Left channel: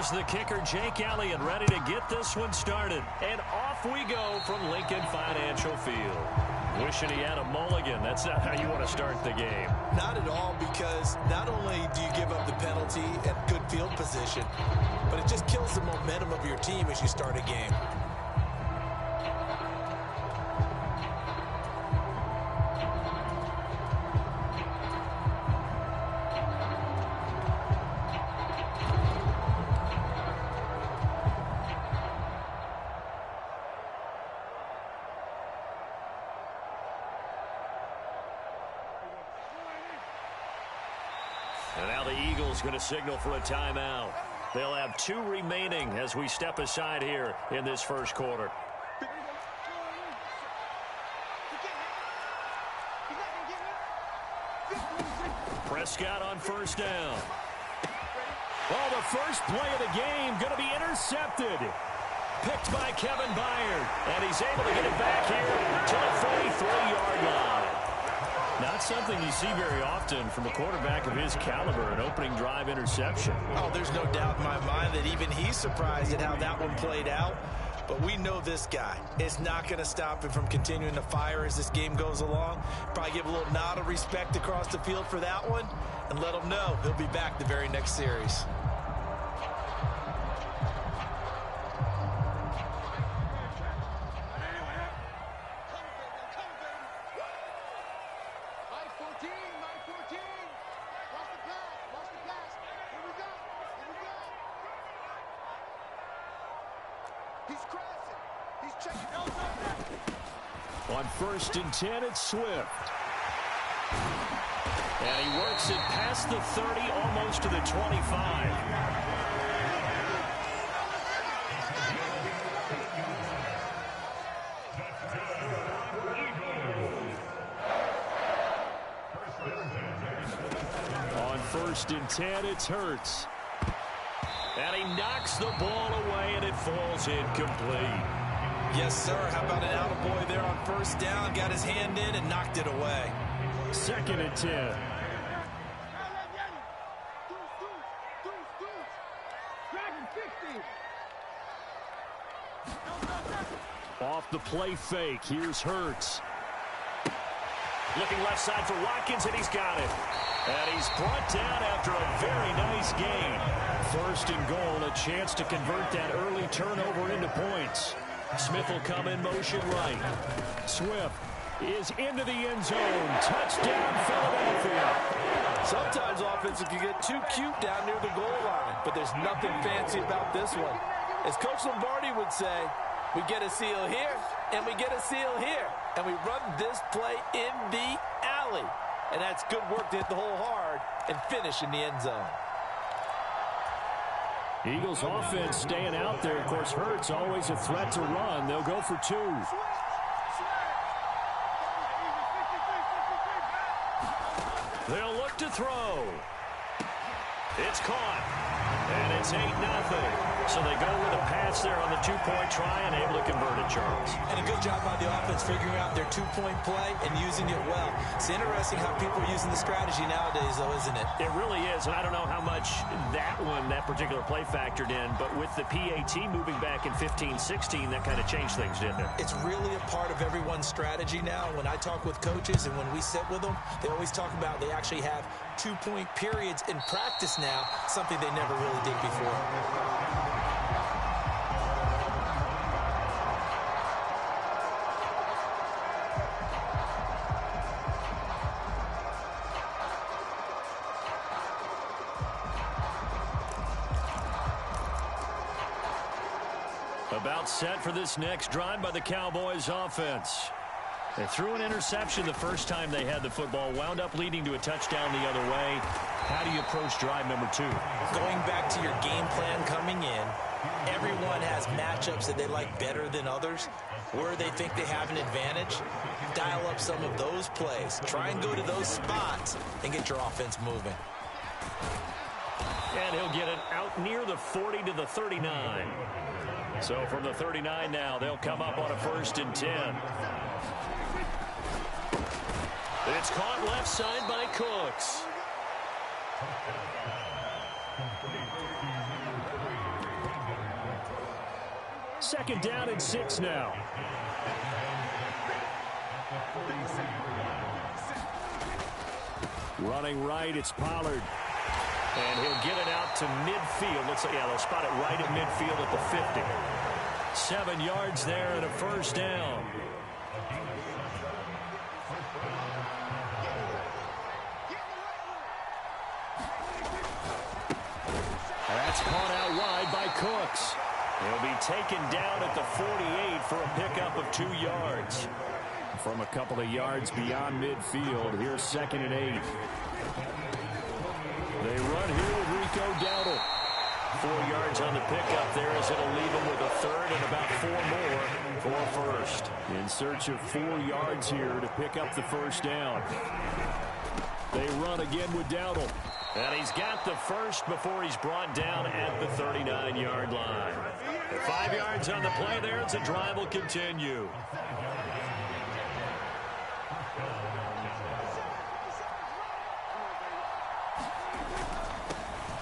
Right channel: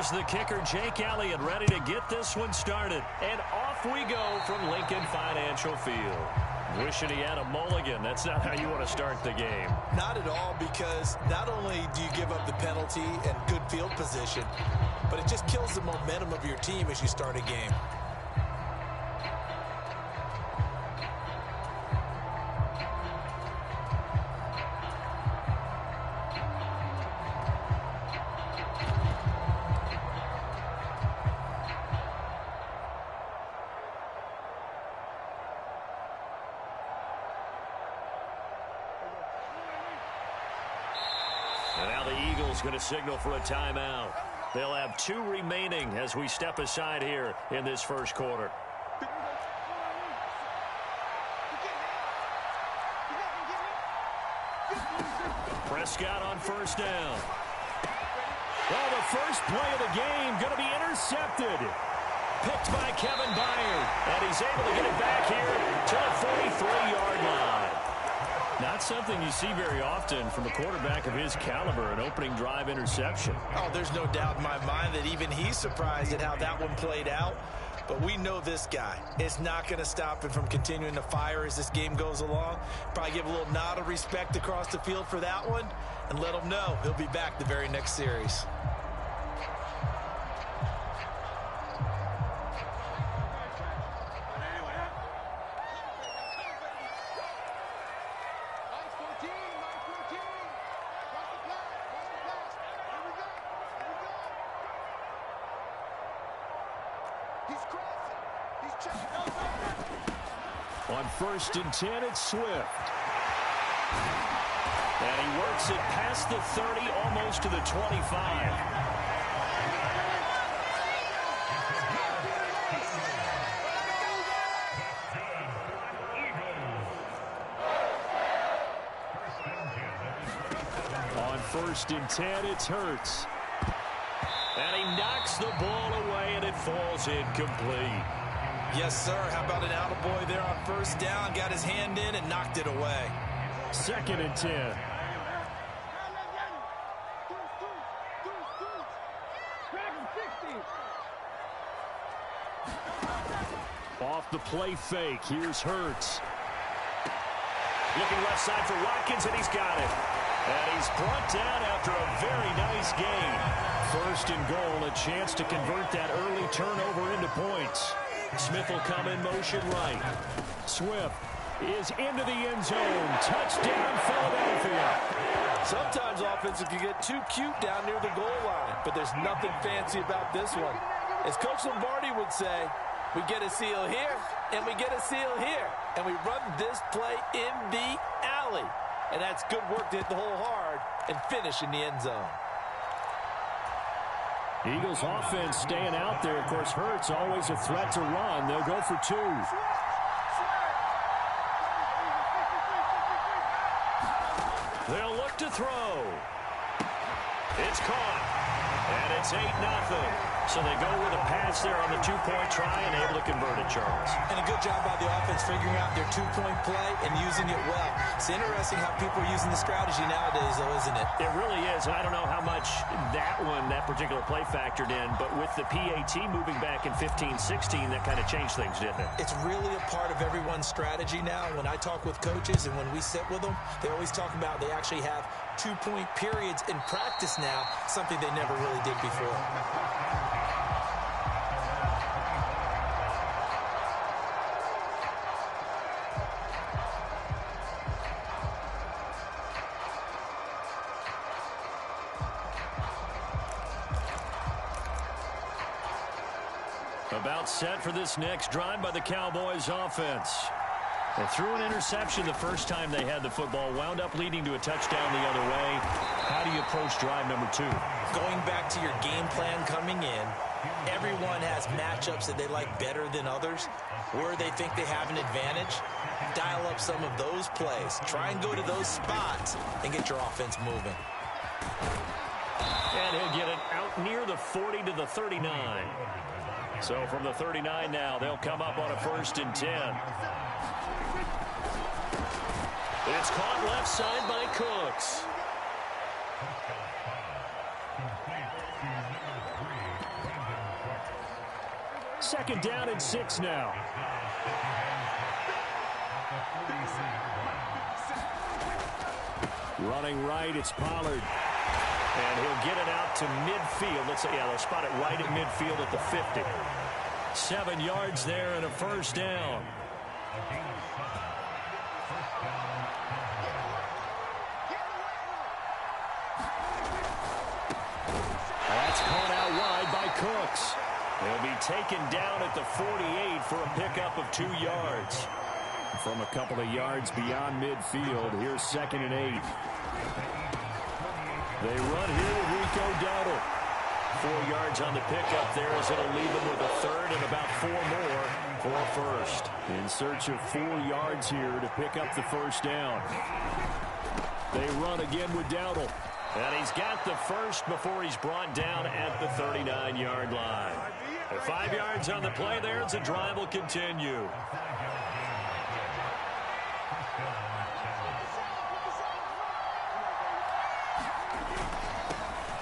Here's the kicker, Jake Elliott, ready to get this one started. And off we go from Lincoln Financial Field. Wishing he had a mulligan. That's not how you want to start the game. Not at all, because not only do you give up the penalty and good field position, but it just kills the momentum of your team as you start a game. And now the Eagles going to signal for a timeout. They'll have 2 remaining as we step aside here in this first quarter. Prescott on first down. Well, the first play of the game going to be intercepted. Picked by Kevin Byard. And he's able to get it back here to the 43-yard line. Not something you see very often from a quarterback of his caliber, an opening drive interception. Oh, there's no doubt in my mind that even he's surprised at how that one played out. But we know this guy is not going to stop him from continuing to fire as this game goes along. Probably give a little nod of respect across the field for that one and let him know he'll be back the very next series. On 1st and 10, it's Swift. And he works it past the 30, almost to the 25. On 1st and 10, it's Hurts. And he knocks the ball away, and it falls incomplete. Yes, sir. How about an attaboy there on first down? Got his hand in and knocked it away. 2nd and 10. Off the play fake. Here's Hurts. Looking left side for Watkins, and he's got it. And he's brought down after a very nice gain. 1st and goal, a chance to convert that early turnover into points. Smith will come in motion right. Swift is into the end zone. Touchdown, Philadelphia. Sometimes offenses can get too cute down near the goal line, but there's nothing fancy about this one. As Coach Lombardi would say, we get a seal here, and we get a seal here, and we run this play in the alley. And that's good work to hit the hole hard and finish in the end zone. Eagles offense staying out there. Of course, Hurts always a threat to run. They'll go for 2. They'll look to throw. It's caught. And it's 8-0. So they go with a pass there on the 2-point try and able to convert it, Charles. And a good job by the offense figuring out their 2-point play and using it well. It's interesting how people are using the strategy nowadays, though, isn't it? It really is, and I don't know how much that particular play factored in, but with the PAT moving back in 15-16, that kind of changed things, didn't it? It's really a part of everyone's strategy now. When I talk with coaches and when we sit with them, they always talk about they actually have 2-point periods in practice now, something they never really did before. About set for this next drive by the Cowboys offense. They threw an interception the first time they had the football, wound up leading to a touchdown the other way. How do you approach drive number 2? Going back to your game plan coming in, everyone has matchups that they like better than others. Where they think they have an advantage, dial up some of those plays. Try and go to those spots and get your offense moving. And he'll get it out near the 40 to the 39. So from the 39 now, they'll come up on a 1st and 10. It's caught left side by Cooks. Second down and 6 now. Running right, it's Pollard. And he'll get it out to midfield. Looks like, yeah, they'll spot it right at midfield at the 50. 7 yards there and a first down. That's caught out wide by Cooks. He'll be taken down at the 48 for a pickup of 2 yards. From a couple of yards beyond midfield, here's 2nd and 8. They run here with Rico Dowdle. 4 yards on the pickup there as it'll leave them with a third and about 4 more for first. In search of 4 yards here to pick up the first down. They run again with Dowdle. And he's got the first before he's brought down at the 39-yard line. 5 yards on the play there as the drive will continue.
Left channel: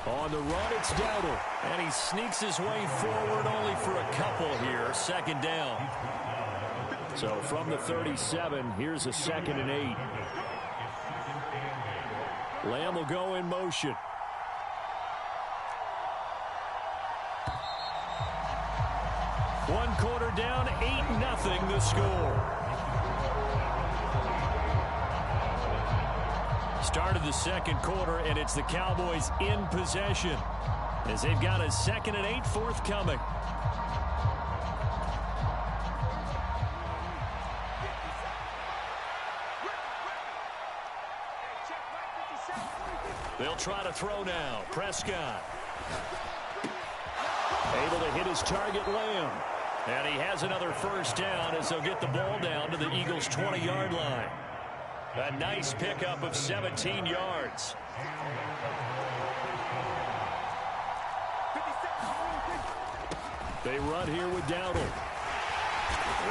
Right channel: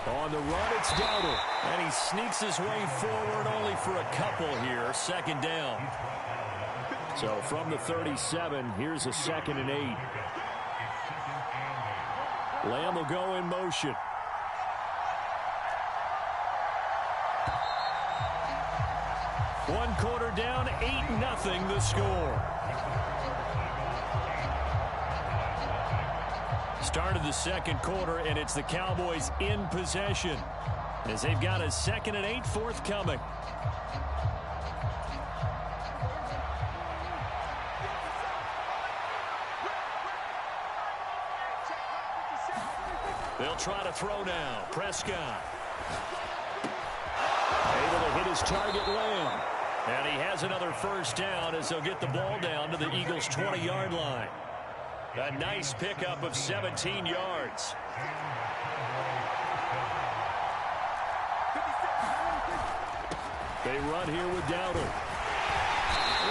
On the run, it's Dowdle. And he sneaks his way forward only for a couple here. Second down. So from the 37, here's a 2nd and 8. Lamb will go in motion. One quarter down, 8-0 the score. Start of the second quarter, and it's the Cowboys in possession as they've got a 2nd and 8 forthcoming. They'll try to throw now. Prescott. Able to hit his target, Lamb. And he has another first down as they'll get the ball down to the Eagles' 20-yard line. A nice pickup of 17 yards. They run here with Dowdle.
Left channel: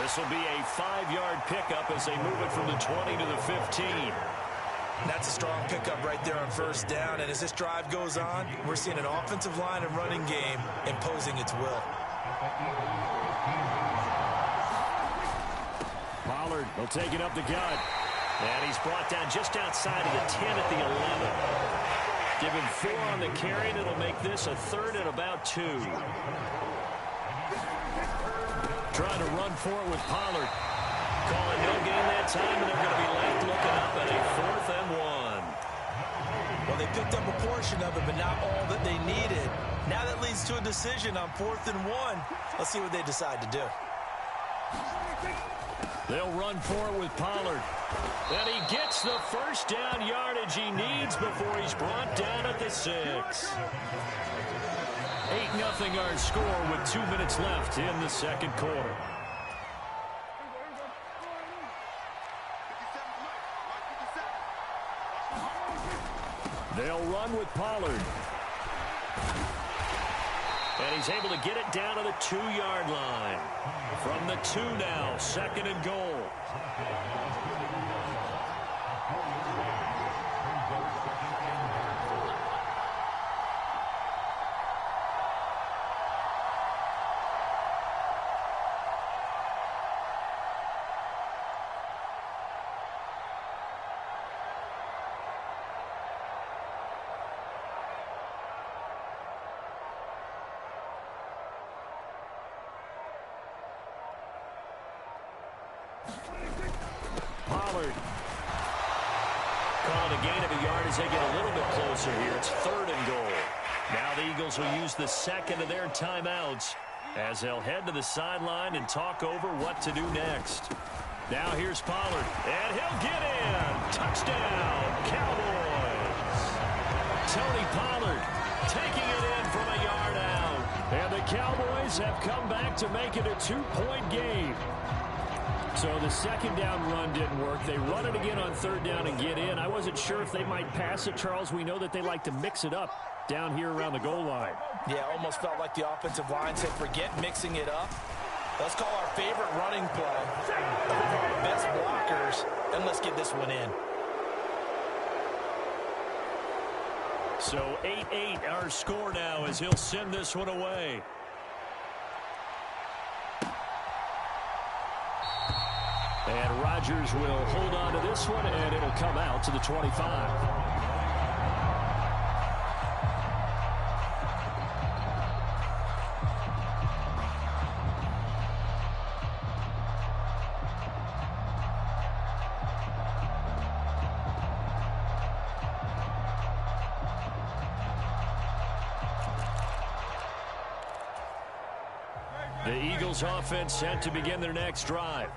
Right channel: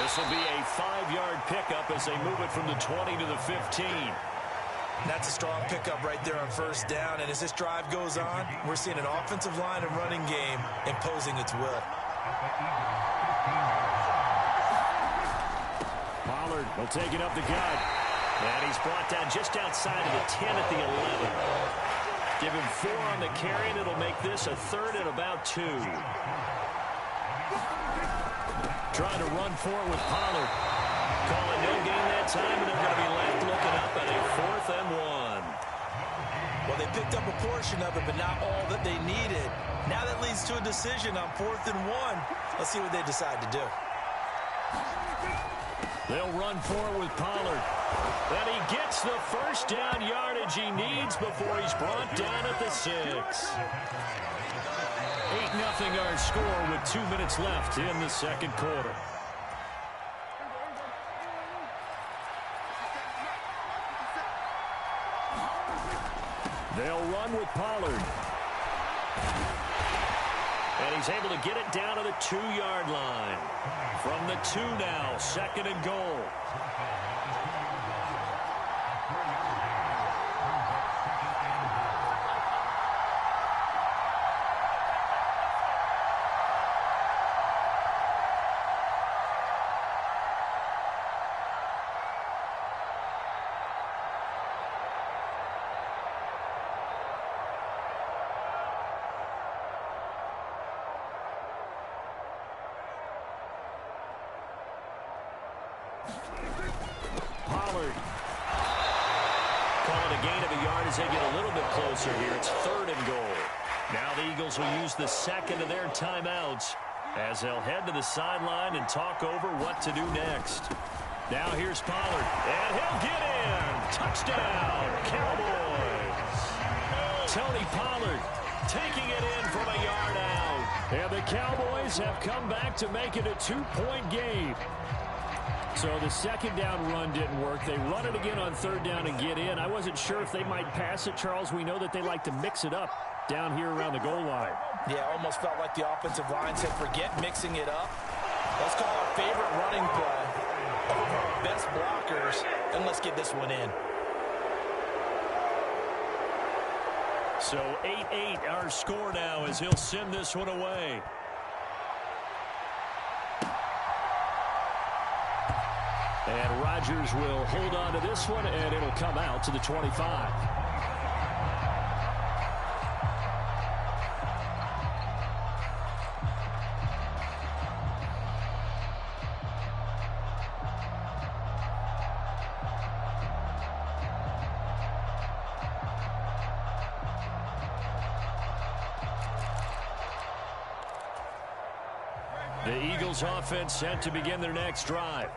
This will be a 5-yard pickup as they move it from the 20 to the 15. That's a strong pickup right there on first down. And as this drive goes on, we're seeing an offensive line and running game imposing its will. Pollard will take it up the gut. And he's brought down just outside of the 10 at the 11. Give him 4 on the carry, and it'll make this a 3rd and about 2. Trying to run for it with Pollard. Calling no gain that time, and they're going to be left looking up at a 4th and 1. Well, they picked up a portion of it, but not all that they needed. Now that leads to a decision on 4th and 1. Let's see what they decide to do. They'll run for it with Pollard. And he gets the first down yardage he needs before he's brought down at the 6. 8-0 our score with 2 minutes left in the second quarter. They'll run with Pollard. And he's able to get it down to the 2-yard line. From the 2 now, 2nd and goal. Pollard. Calling a gain of a yard as they get a little bit closer here. It's 3rd and goal. Now the Eagles will use the 2nd of their timeouts as they'll head to the sideline and talk over what to do next. Now here's Pollard, and he'll get in. Touchdown, Cowboys. Tony Pollard taking it in from a yard out. And the Cowboys have come back to make it a 2-point game. So the second down run didn't work. They run it again on 3rd down and get in. I wasn't sure if they might pass it, Charles. We know that they like to mix it up down here around the goal line. Yeah, almost felt like the offensive line said, forget mixing it up. Let's call our favorite running play over our best blockers, and let's get this one in. So 8-8 our score now as he'll send this one away. And Rodgers will hold on to this one, and it'll come out to the 25. The Eagles offense set to begin their next drive.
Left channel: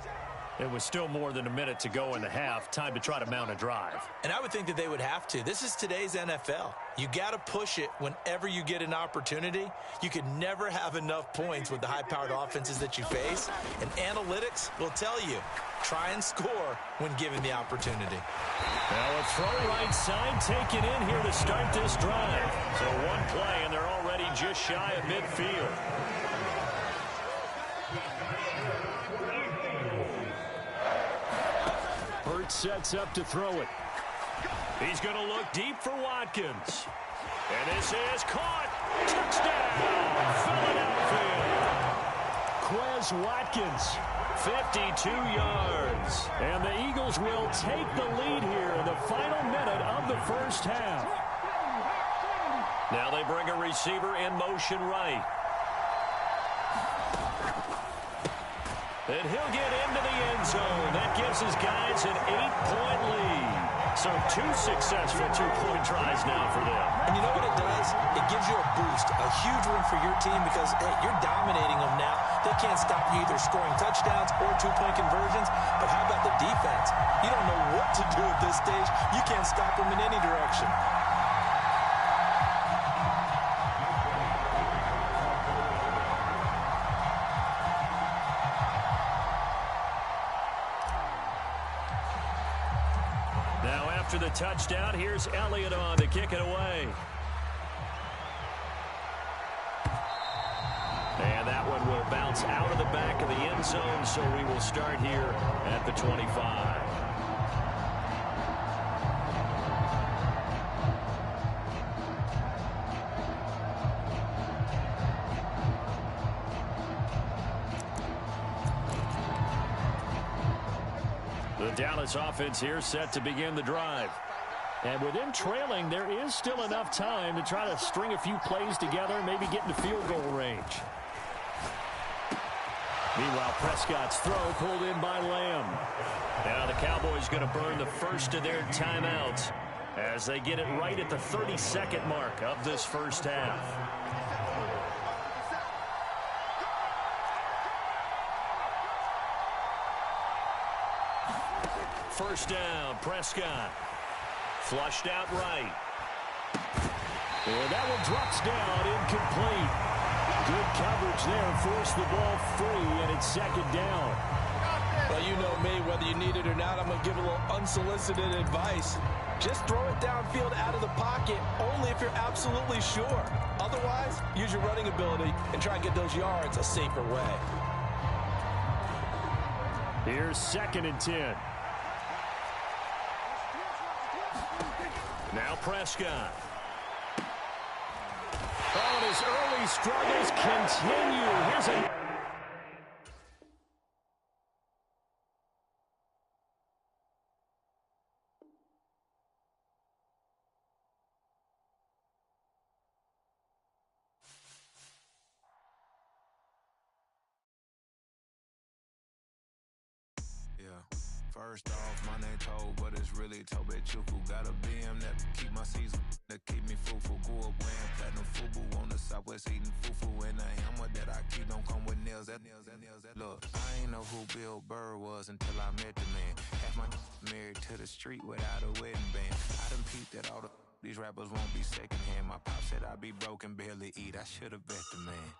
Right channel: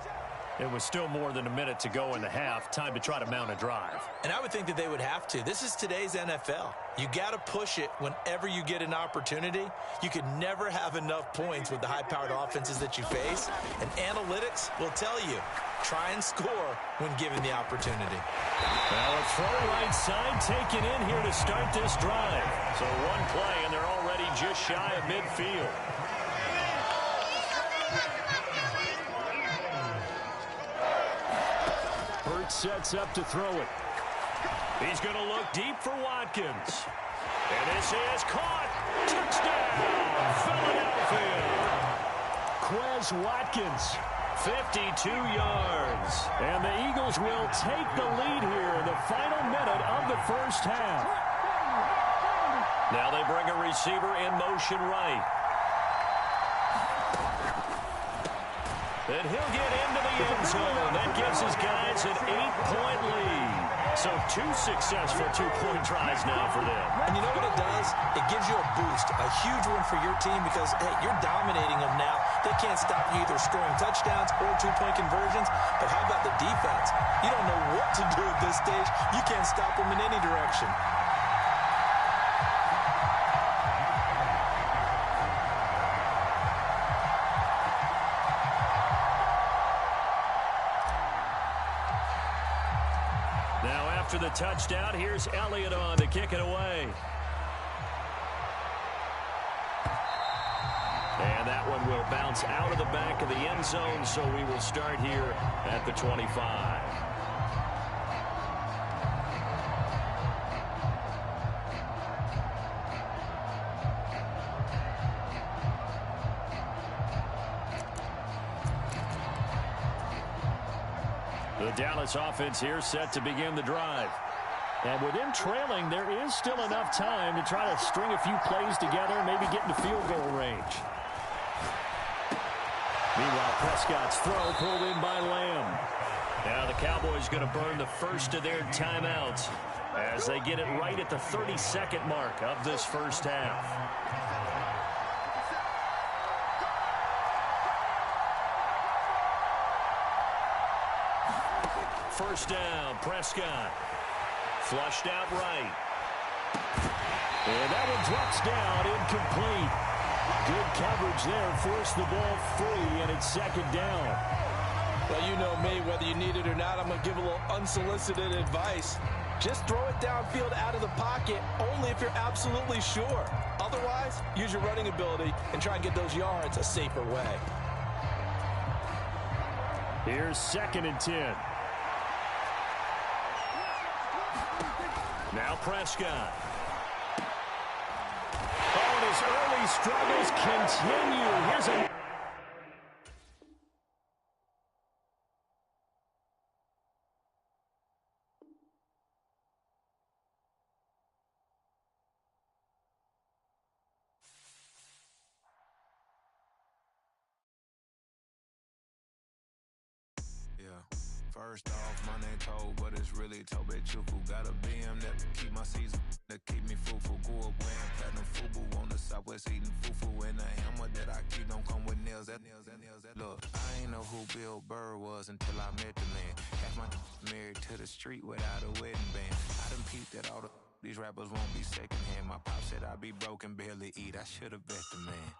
It was still more than a minute to go in the half. Time to try to mount a drive. And I would think that they would have to. This is today's NFL. You got to push it whenever you get an opportunity. You could never have enough points with the high-powered offenses that you face. And analytics will tell you, try and score when given the opportunity. Well, a throw right side taken in here to start this drive. So one play, and they're already just shy of midfield. Sets up to throw it. He's going to look deep for Watkins. And this is caught. Touchdown, Philadelphia. Quez Watkins, 52 yards. And the Eagles will take the lead here in the final minute of the first half. Now they bring a receiver in motion right. And he'll get into the end zone. That gives his guys an 8-point lead. So 2 successful 2-point tries now for them. And you know what it does? It gives you a boost, a huge one for your team because, hey, you're dominating them now. They can't stop you either scoring touchdowns or 2-point conversions. But how about the defense? You don't know what to do at this stage. You can't stop them in any direction. After the touchdown, here's Elliott on to kick it away. And that one will bounce out of the back of the end zone, so we will start here at the 25. The Dallas offense here set to begin the drive. And with them trailing, there is still enough time to try to string a few plays together and maybe get into field goal range. Meanwhile, Prescott's throw pulled in by Lamb. Now the Cowboys going to burn the first of their timeouts as they get it right at the 30-second mark of this first half. First down, Prescott. Flushed out right. And that one drops down, incomplete. Good coverage there, forced the ball free, and it's second down. Well, you know me, whether you need it or not, I'm going to give a little unsolicited advice. Just throw it downfield out of the pocket, only if you're absolutely sure. Otherwise, use your running ability and try and get those yards a safer way. Here's 2nd and 10. Now Prescott. Oh, and his early struggles continue. Here's a... First off, my name Toe, but it's really Tobe Chuku. Got a BM that keep my season, that keep me fruitful. Grew up wearing platinum FUBU on the Southwest eating fufu. And the hammer that I keep don't come with nails. Look, I ain't know who Bill Burr was until I met the man. Half my married to the street without a wedding band. I done peeped that all these rappers won't be secondhand. My pop said I'd be broke and barely eat. I should've bet the man.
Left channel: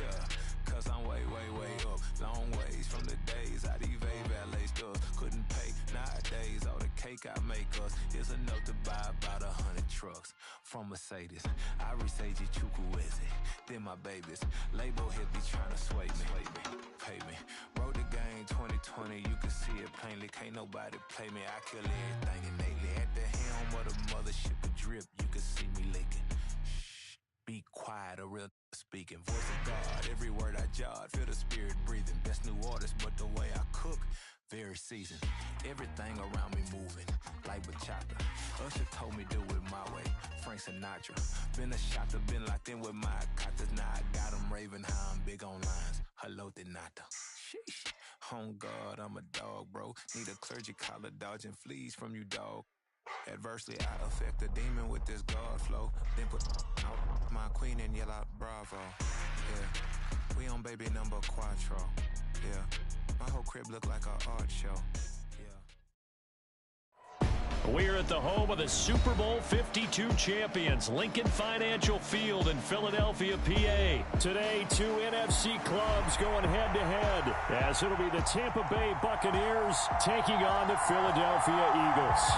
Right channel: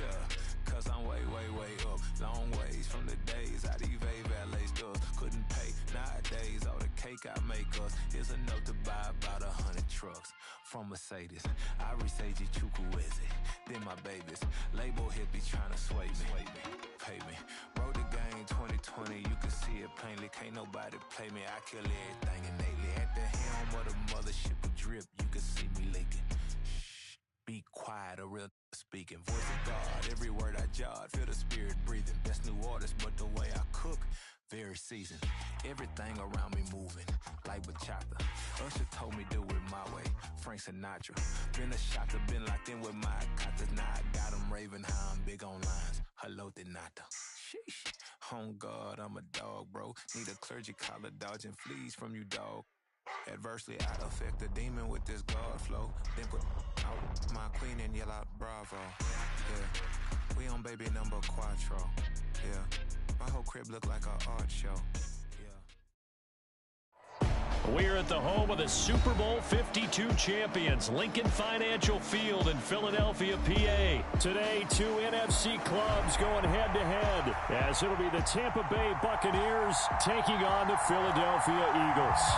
Yeah, cause I'm way, way, way up. Long ways from the days I evade valet stuff. Couldn't pay nowadays. All the cake I make us is enough to buy about 100 trucks. From Mercedes, I resage Chukwueze. Then my babies, label hit be trying to sway me. Pay me. Wrote the game 2020, you can see it plainly. Can't nobody play me. I kill everything innately. At the helm of the mothership with drip, you can see me leaking. Shh, be quiet, a real speaking. Voice of God, every word I jot. Feel the spirit breathing. Best new artist, but the way I cook, very first season. Everything around me moving, like bachata. Usher told me do it my way, Frank Sinatra. Been a shotter, been locked in with my cotters. Now I got them raving how I'm big on lines. Hello, de nata. Sheesh. On God, I'm a dog, bro. Need a clergy collar, dodging fleas from you, dog. Adversely, I affect the demon with this God flow. Then put out my queen and yell out bravo. Yeah, we on baby number quattro. Yeah, my whole crib look like an art show. We're at the home of the Super Bowl 52 champions, Lincoln Financial Field in Philadelphia, PA. Today, two NFC clubs going head-to-head, as it'll be the Tampa Bay Buccaneers taking on the Philadelphia Eagles.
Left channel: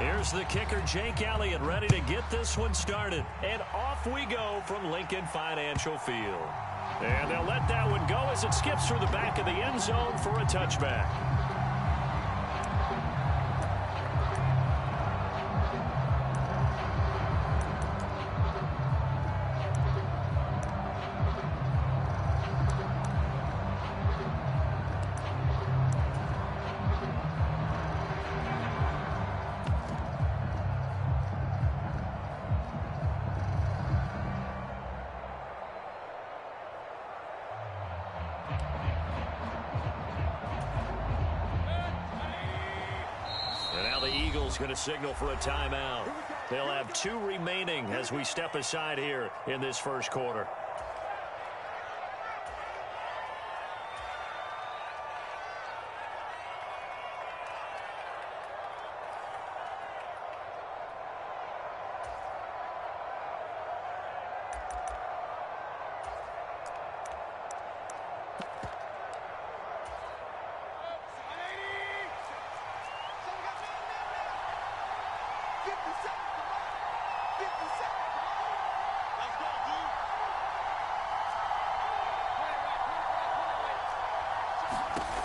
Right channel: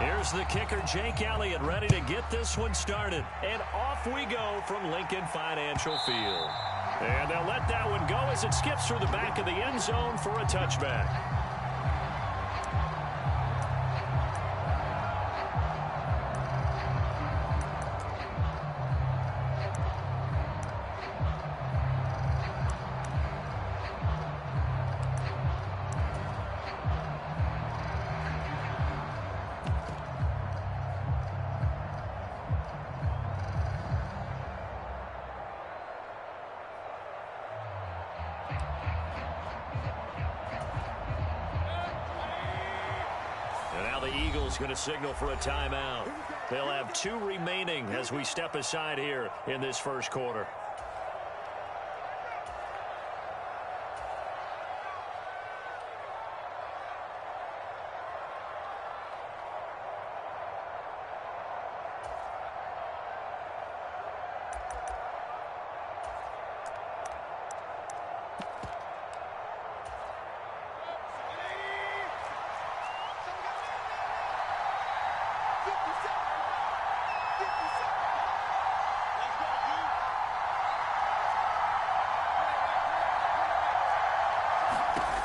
Here's the kicker, Jake Elliott, ready to get this one started. And off we go from Lincoln Financial Field. And they'll let that one go as it skips through the back of the end zone for a touchback. And now the Eagles going to signal for a timeout. They'll have two remaining as we step aside here in this first quarter.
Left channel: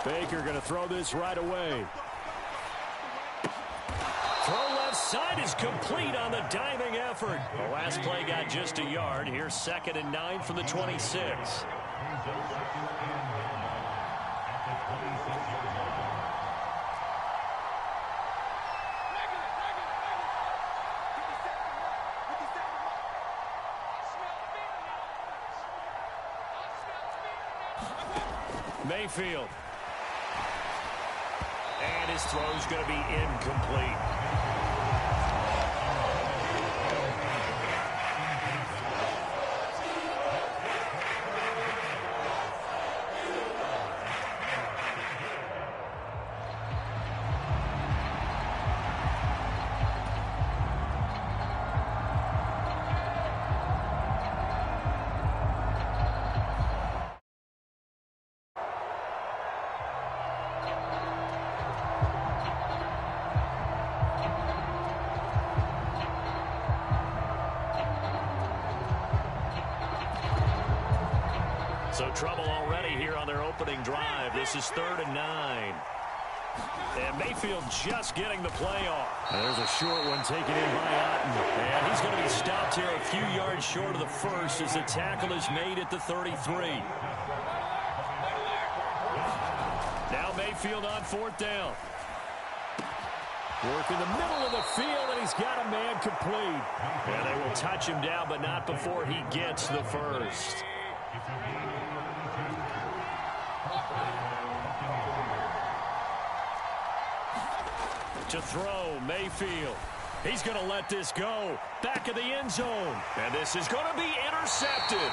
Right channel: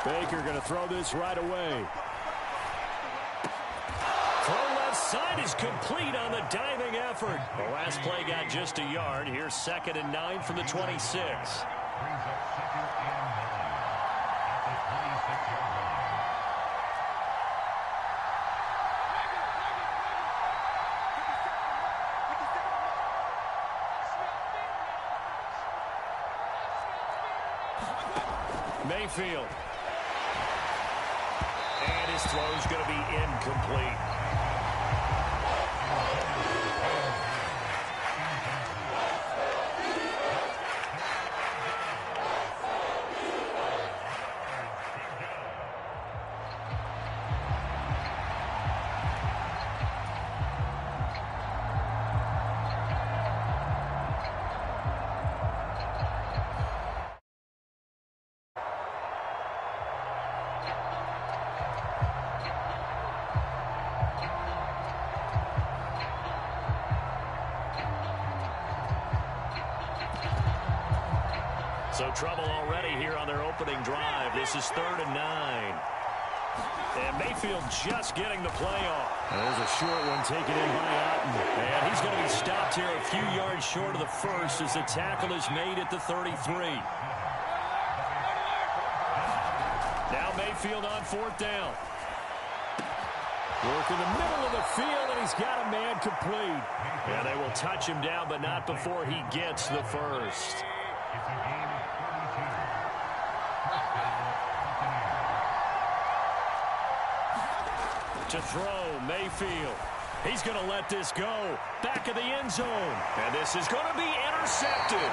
Baker going to throw this right away. Throw left side is complete on the diving effort. The last play got just a yard. Here's 2nd and 9 from the 26. Mayfield. And his throw's going to be incomplete. So trouble already here on their opening drive. This is 3rd and 9. And Mayfield just getting the play off. And there's a short one taken in by Otten. And he's going to be stopped here a few yards short of the first as the tackle is made at the 33. Now Mayfield on 4th down. Work in the middle of the field, and he's got a man complete. And they will touch him down, but not before he gets the first. To throw, Mayfield. He's going to let this go. Back of the end zone. And this is going to be intercepted.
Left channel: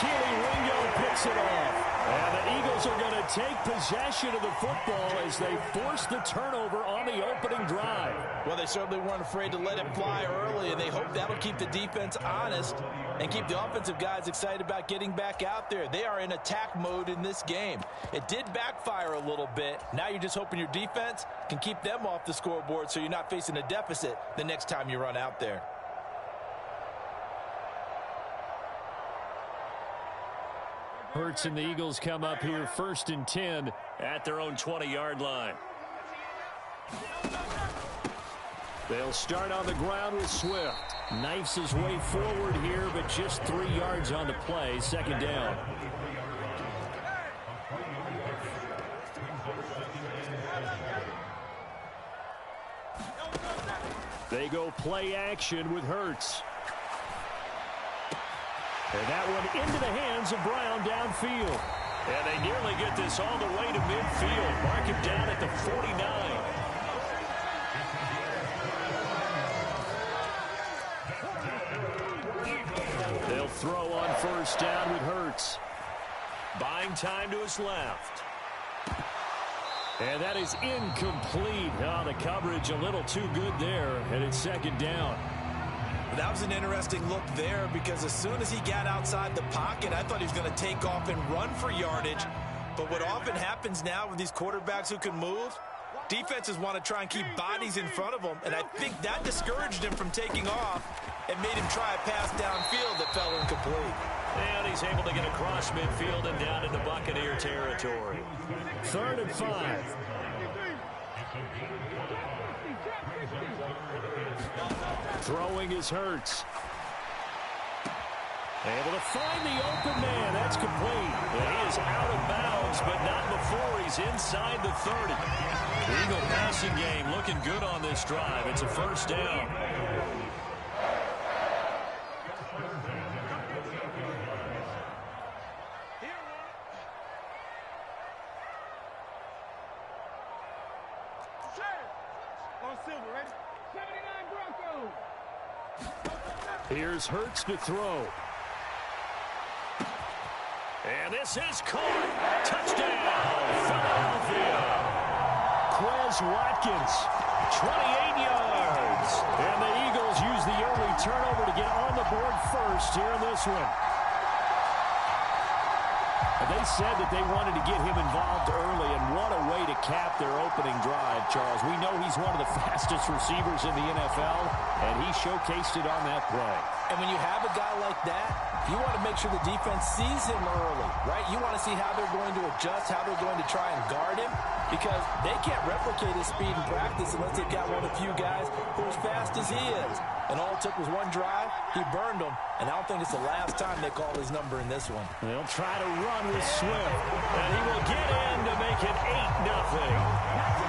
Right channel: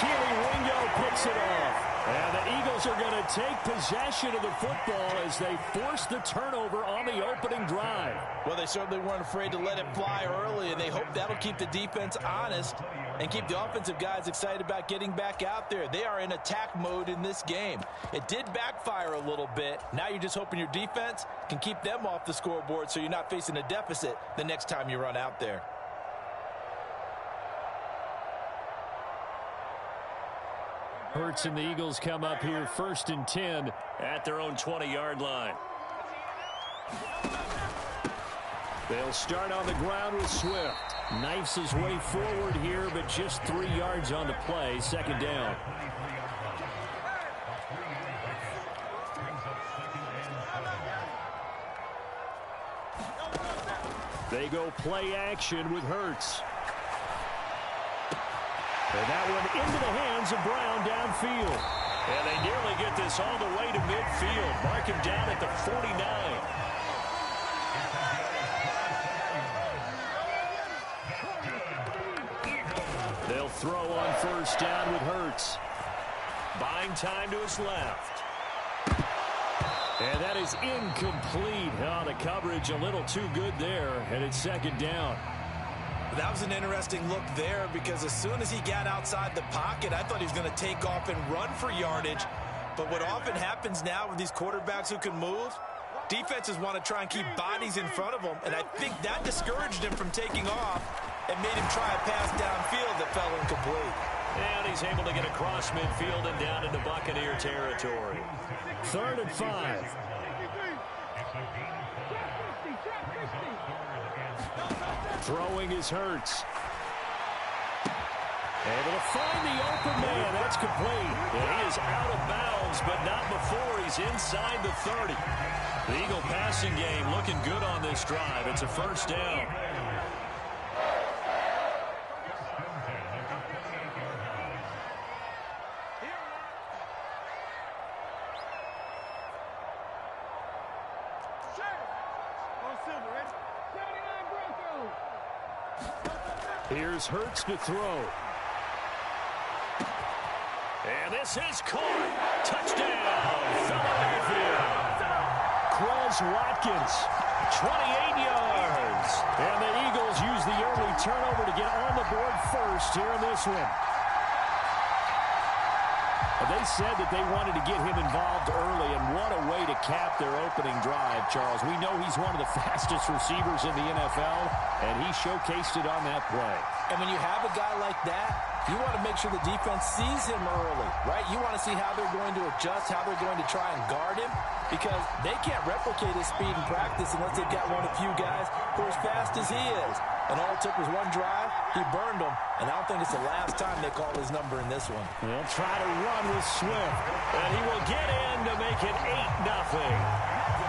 Keely Ringo picks it off. And the Eagles are going to take possession of the football as they force the turnover on the opening drive. Well, they certainly weren't afraid to let it fly early, and they hope that'll keep the defense honest and keep the offensive guys excited about getting back out there. They are in attack mode in this game. It did backfire a little bit. Now you're just hoping your defense can keep them off the scoreboard so you're not facing a deficit the next time you run out there. Hurts and the Eagles come up here 1st and 10 at their own 20-yard line. They'll start on the ground with Swift. Knifes his way forward here, but just 3 yards on the play. 2nd down. They go play action with Hurts. And that one into the hands of Brown downfield. And they nearly get this all the way to midfield. Mark him down at the 49. They'll throw on 1st down with Hurts. Buying time to his left. And that is incomplete. Oh, the coverage a little too good there, and it's 2nd down. That was an interesting look there because as soon as he got outside the pocket, I thought he was going to take off and run for yardage. But what often happens now with these quarterbacks who can move, defenses want to try and keep bodies in front of them, and I think that discouraged him from taking off and made him try a pass downfield that fell incomplete. And he's able to get across midfield and down into Buccaneer territory. 3rd and 5. Throwing is Hurts. Able to find the open man. That's complete. And he is out of bounds, but not before he's inside the 30. The Eagle passing game looking good on this drive. It's a 1st down. Here's Hurts to throw. And this is caught. Touchdown, Philadelphia. Quez Watkins, 28 yards. And the Eagles use the early turnover to get on the board first here in this one. They said that they wanted to get him involved early, and what a way to cap their opening drive, Charles. We know he's one of the fastest receivers in the NFL, and he showcased it on that play. And when you have a guy like that, you want to make sure the defense sees him early, right? You want to see how they're going to adjust, how they're going to try and guard him, because they can't replicate his speed in practice unless they've got one of the few guys who are as fast as he is. And all it took was one drive. He burned them, and I don't think it's the last time they call his number in this one. They'll try to run with Swift, and he will get in to make it 8-0.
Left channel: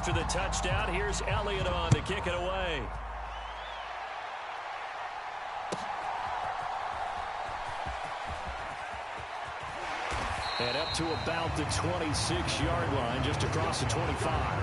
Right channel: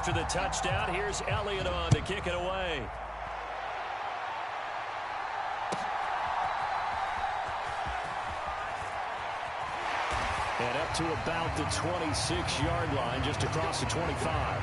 After the touchdown, here's Elliott on to kick it away. And up to about the 26-yard line, just across the 25.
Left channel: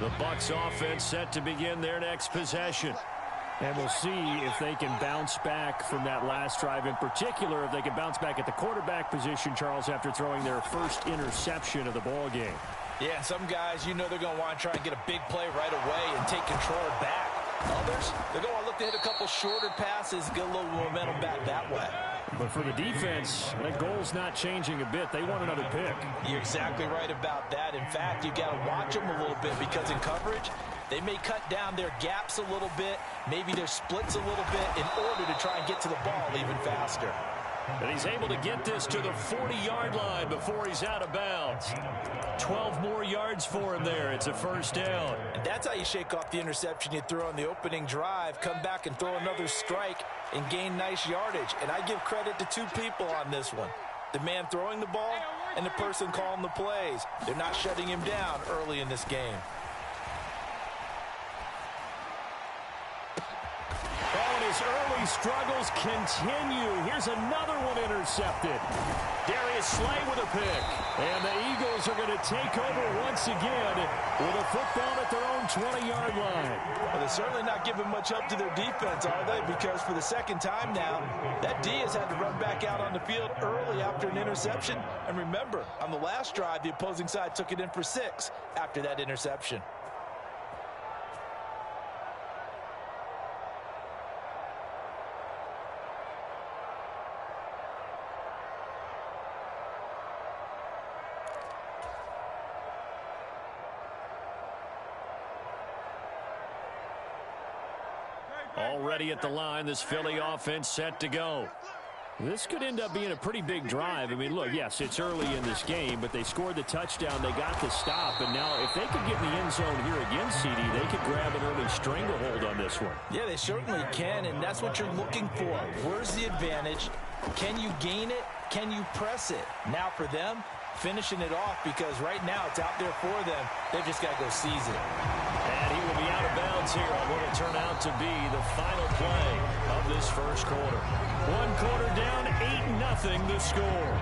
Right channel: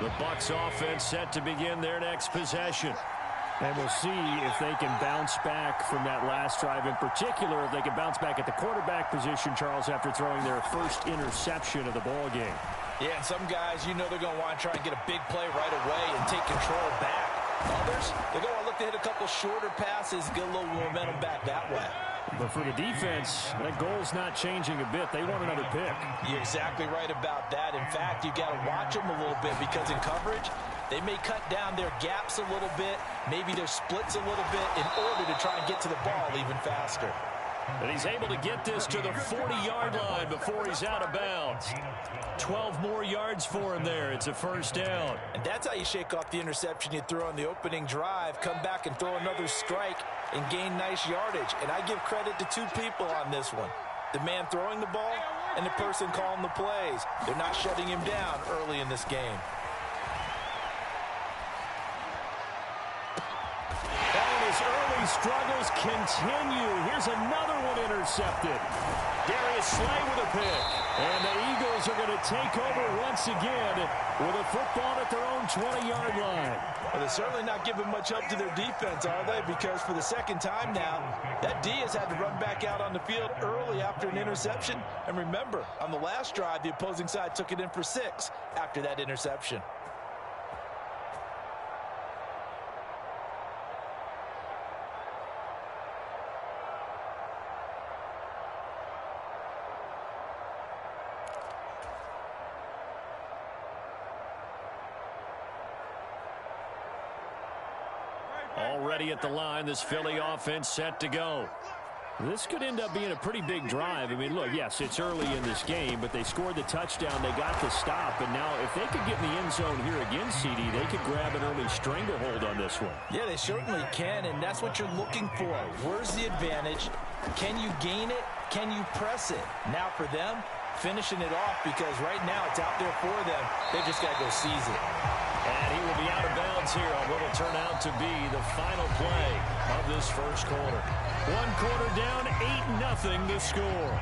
The Bucs offense set to begin their next possession. And we'll see if they can bounce back from that last drive. In particular, if they can bounce back at the quarterback position, Charles, after throwing their first interception of the ball game. Yeah, and some guys, you know they're going to want to try and get a big play right away and take control back. Others, they're going to want to look to hit a couple shorter passes, get a little momentum back that way. But for the defense, that goal's not changing a bit. They want another pick. You're exactly right about that. In fact, you've got to watch them a little bit because in coverage, they may cut down their gaps a little bit, maybe their splits a little bit in order to try and get to the ball even faster. And he's able to get this to the 40-yard line before he's out of bounds. 12 more yards for him there. It's a 1st down. And that's how you shake off the interception you throw on the opening drive, come back and throw another strike and gain nice yardage. And I give credit to two people on this one. The man throwing the ball and the person calling the plays. They're not shutting him down early in this game. Oh, and his early struggles continue. Here's another one intercepted. Darius Slay with a pick. And the Eagles are going to take over once again with a football at their own 20-yard line. Well, they're certainly not giving much help to their defense, are they? Because for the second time now, that D has had to run back out on the field early after an interception. And remember, on the last drive, the opposing side took it in for 6 after that interception. Already at the line, this Philly offense set to go. This could end up being a pretty big drive. I mean, look, yes, it's early in this game, but they scored the touchdown. They got the stop, and now if they could get in the end zone here again, CD, they could grab an early stranglehold on this one. Yeah, they certainly can, and that's what you're looking for. Where's the advantage? Can you gain it? Can you press it? Now for them, finishing it off, because right now it's out there for them. They've just got to go seize it. And he will be out of bounds here on what will turn out to be the final play of this first quarter. 1 quarter down, 8-0 the score.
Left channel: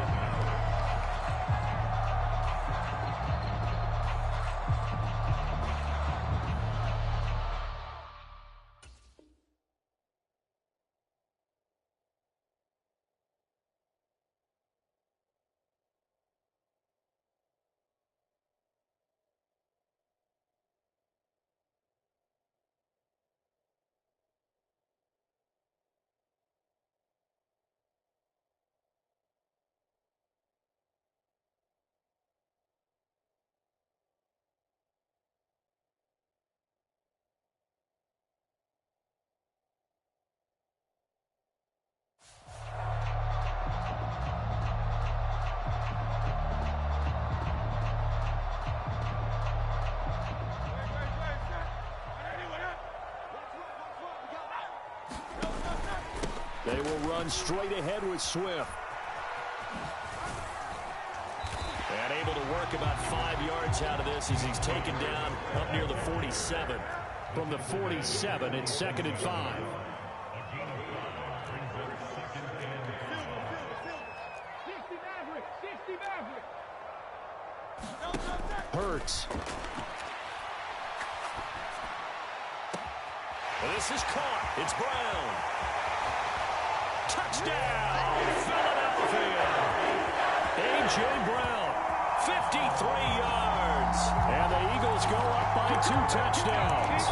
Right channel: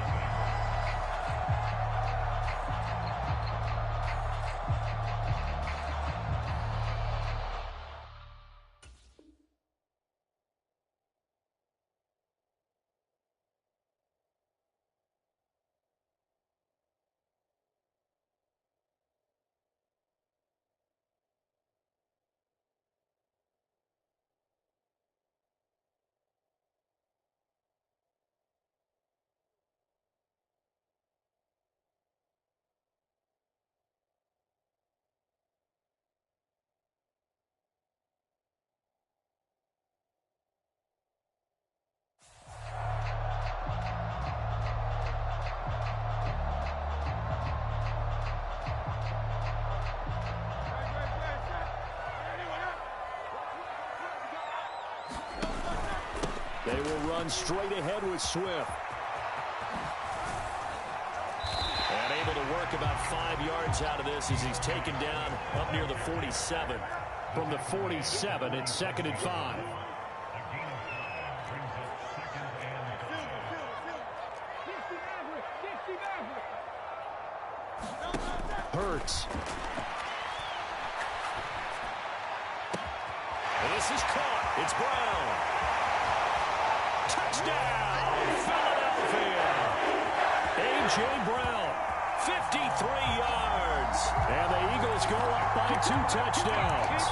They will run straight ahead with Swift. And able to work about 5 yards out of this as he's taken down up near the 47. From the 47, it's 2nd and 5. Hurts. And this is caught. It's Brown. Touchdown, Philadelphia. A.J. Brown, 53 yards. And the Eagles go up by 2 touchdowns.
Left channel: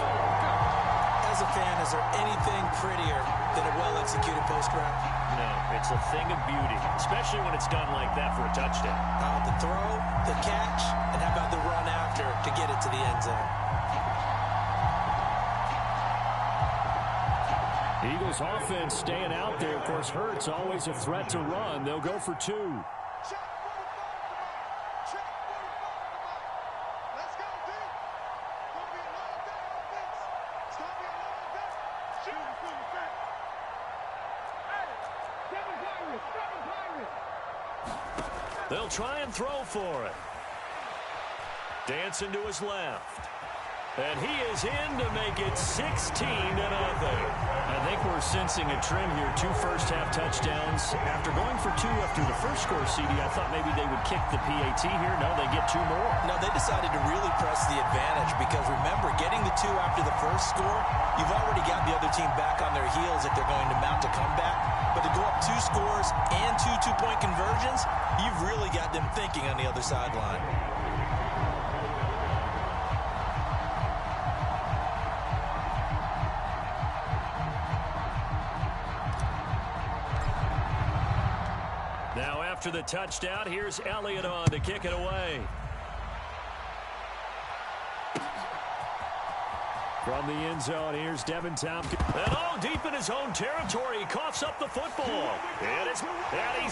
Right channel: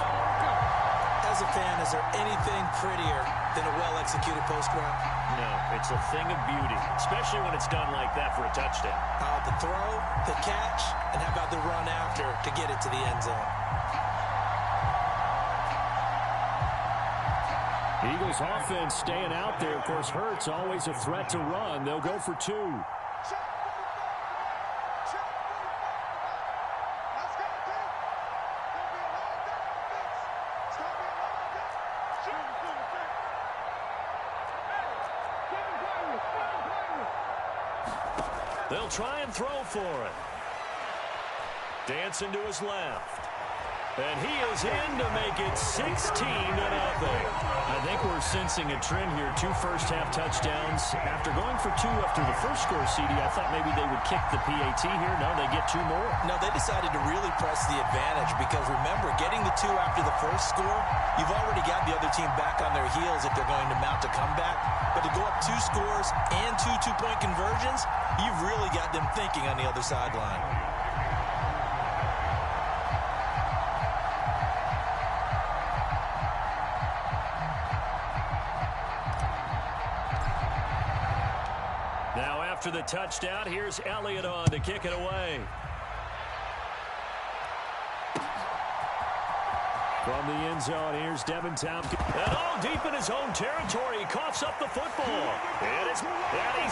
As a fan, is there anything prettier than a well-executed post route? No, it's a thing of beauty, especially when it's done like that for a touchdown. The throw, the catch, and how about the run after to get it to the end zone? Eagles offense staying out there. Of course, Hurts always a threat to run. They'll go for 2. They'll try and throw for it. Dancing to his left. And he is in to make it 16-0. I think we're sensing a trend here. 2 first-half touchdowns. After going for 2 after the first score, CD, I thought maybe they would kick the PAT here. No, they get 2 more. No, they decided to really press the advantage because, remember, getting the 2 after the first score, you've already got the other team back on their heels if they're going to mount a comeback. But to go up 2 scores and 2 two-point conversions, you've really got them thinking on the other sideline. Now after the touchdown, here's Elliott on to kick it away. From the end zone, here's Devin Tompkins. And deep in his own territory, he coughs up the football. And he's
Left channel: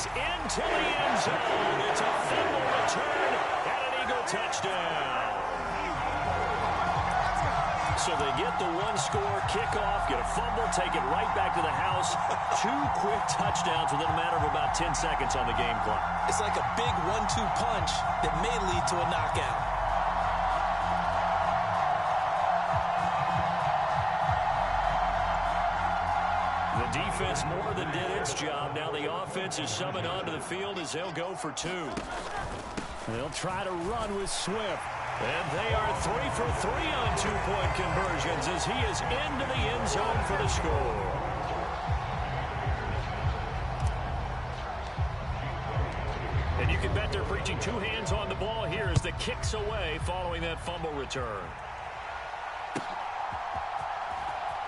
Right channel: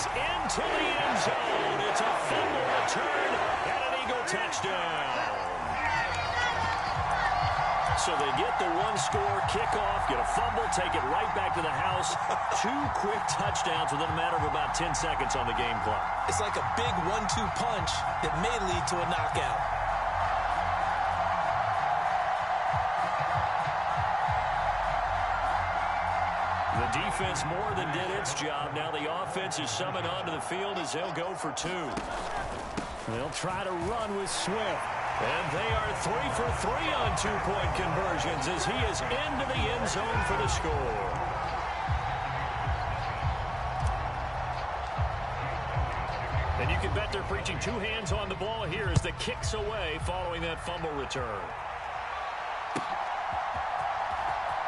into the end zone. It's a fumble return and an Eagle touchdown. So they get the 1-score kickoff, get a fumble, take it right back to the house. 2 quick touchdowns within a matter of about 10 seconds on the game clock. It's like a big 1-2 punch that may lead to a knockout. defense more than did its job. Now the offense is summoned onto the field as they'll go for 2. They'll try to run with Swift. And they are 3 for 3 on 2-point conversions as he is into the end zone for the score. And you can bet they're preaching 2 hands on the ball here as the kick's away following that fumble return.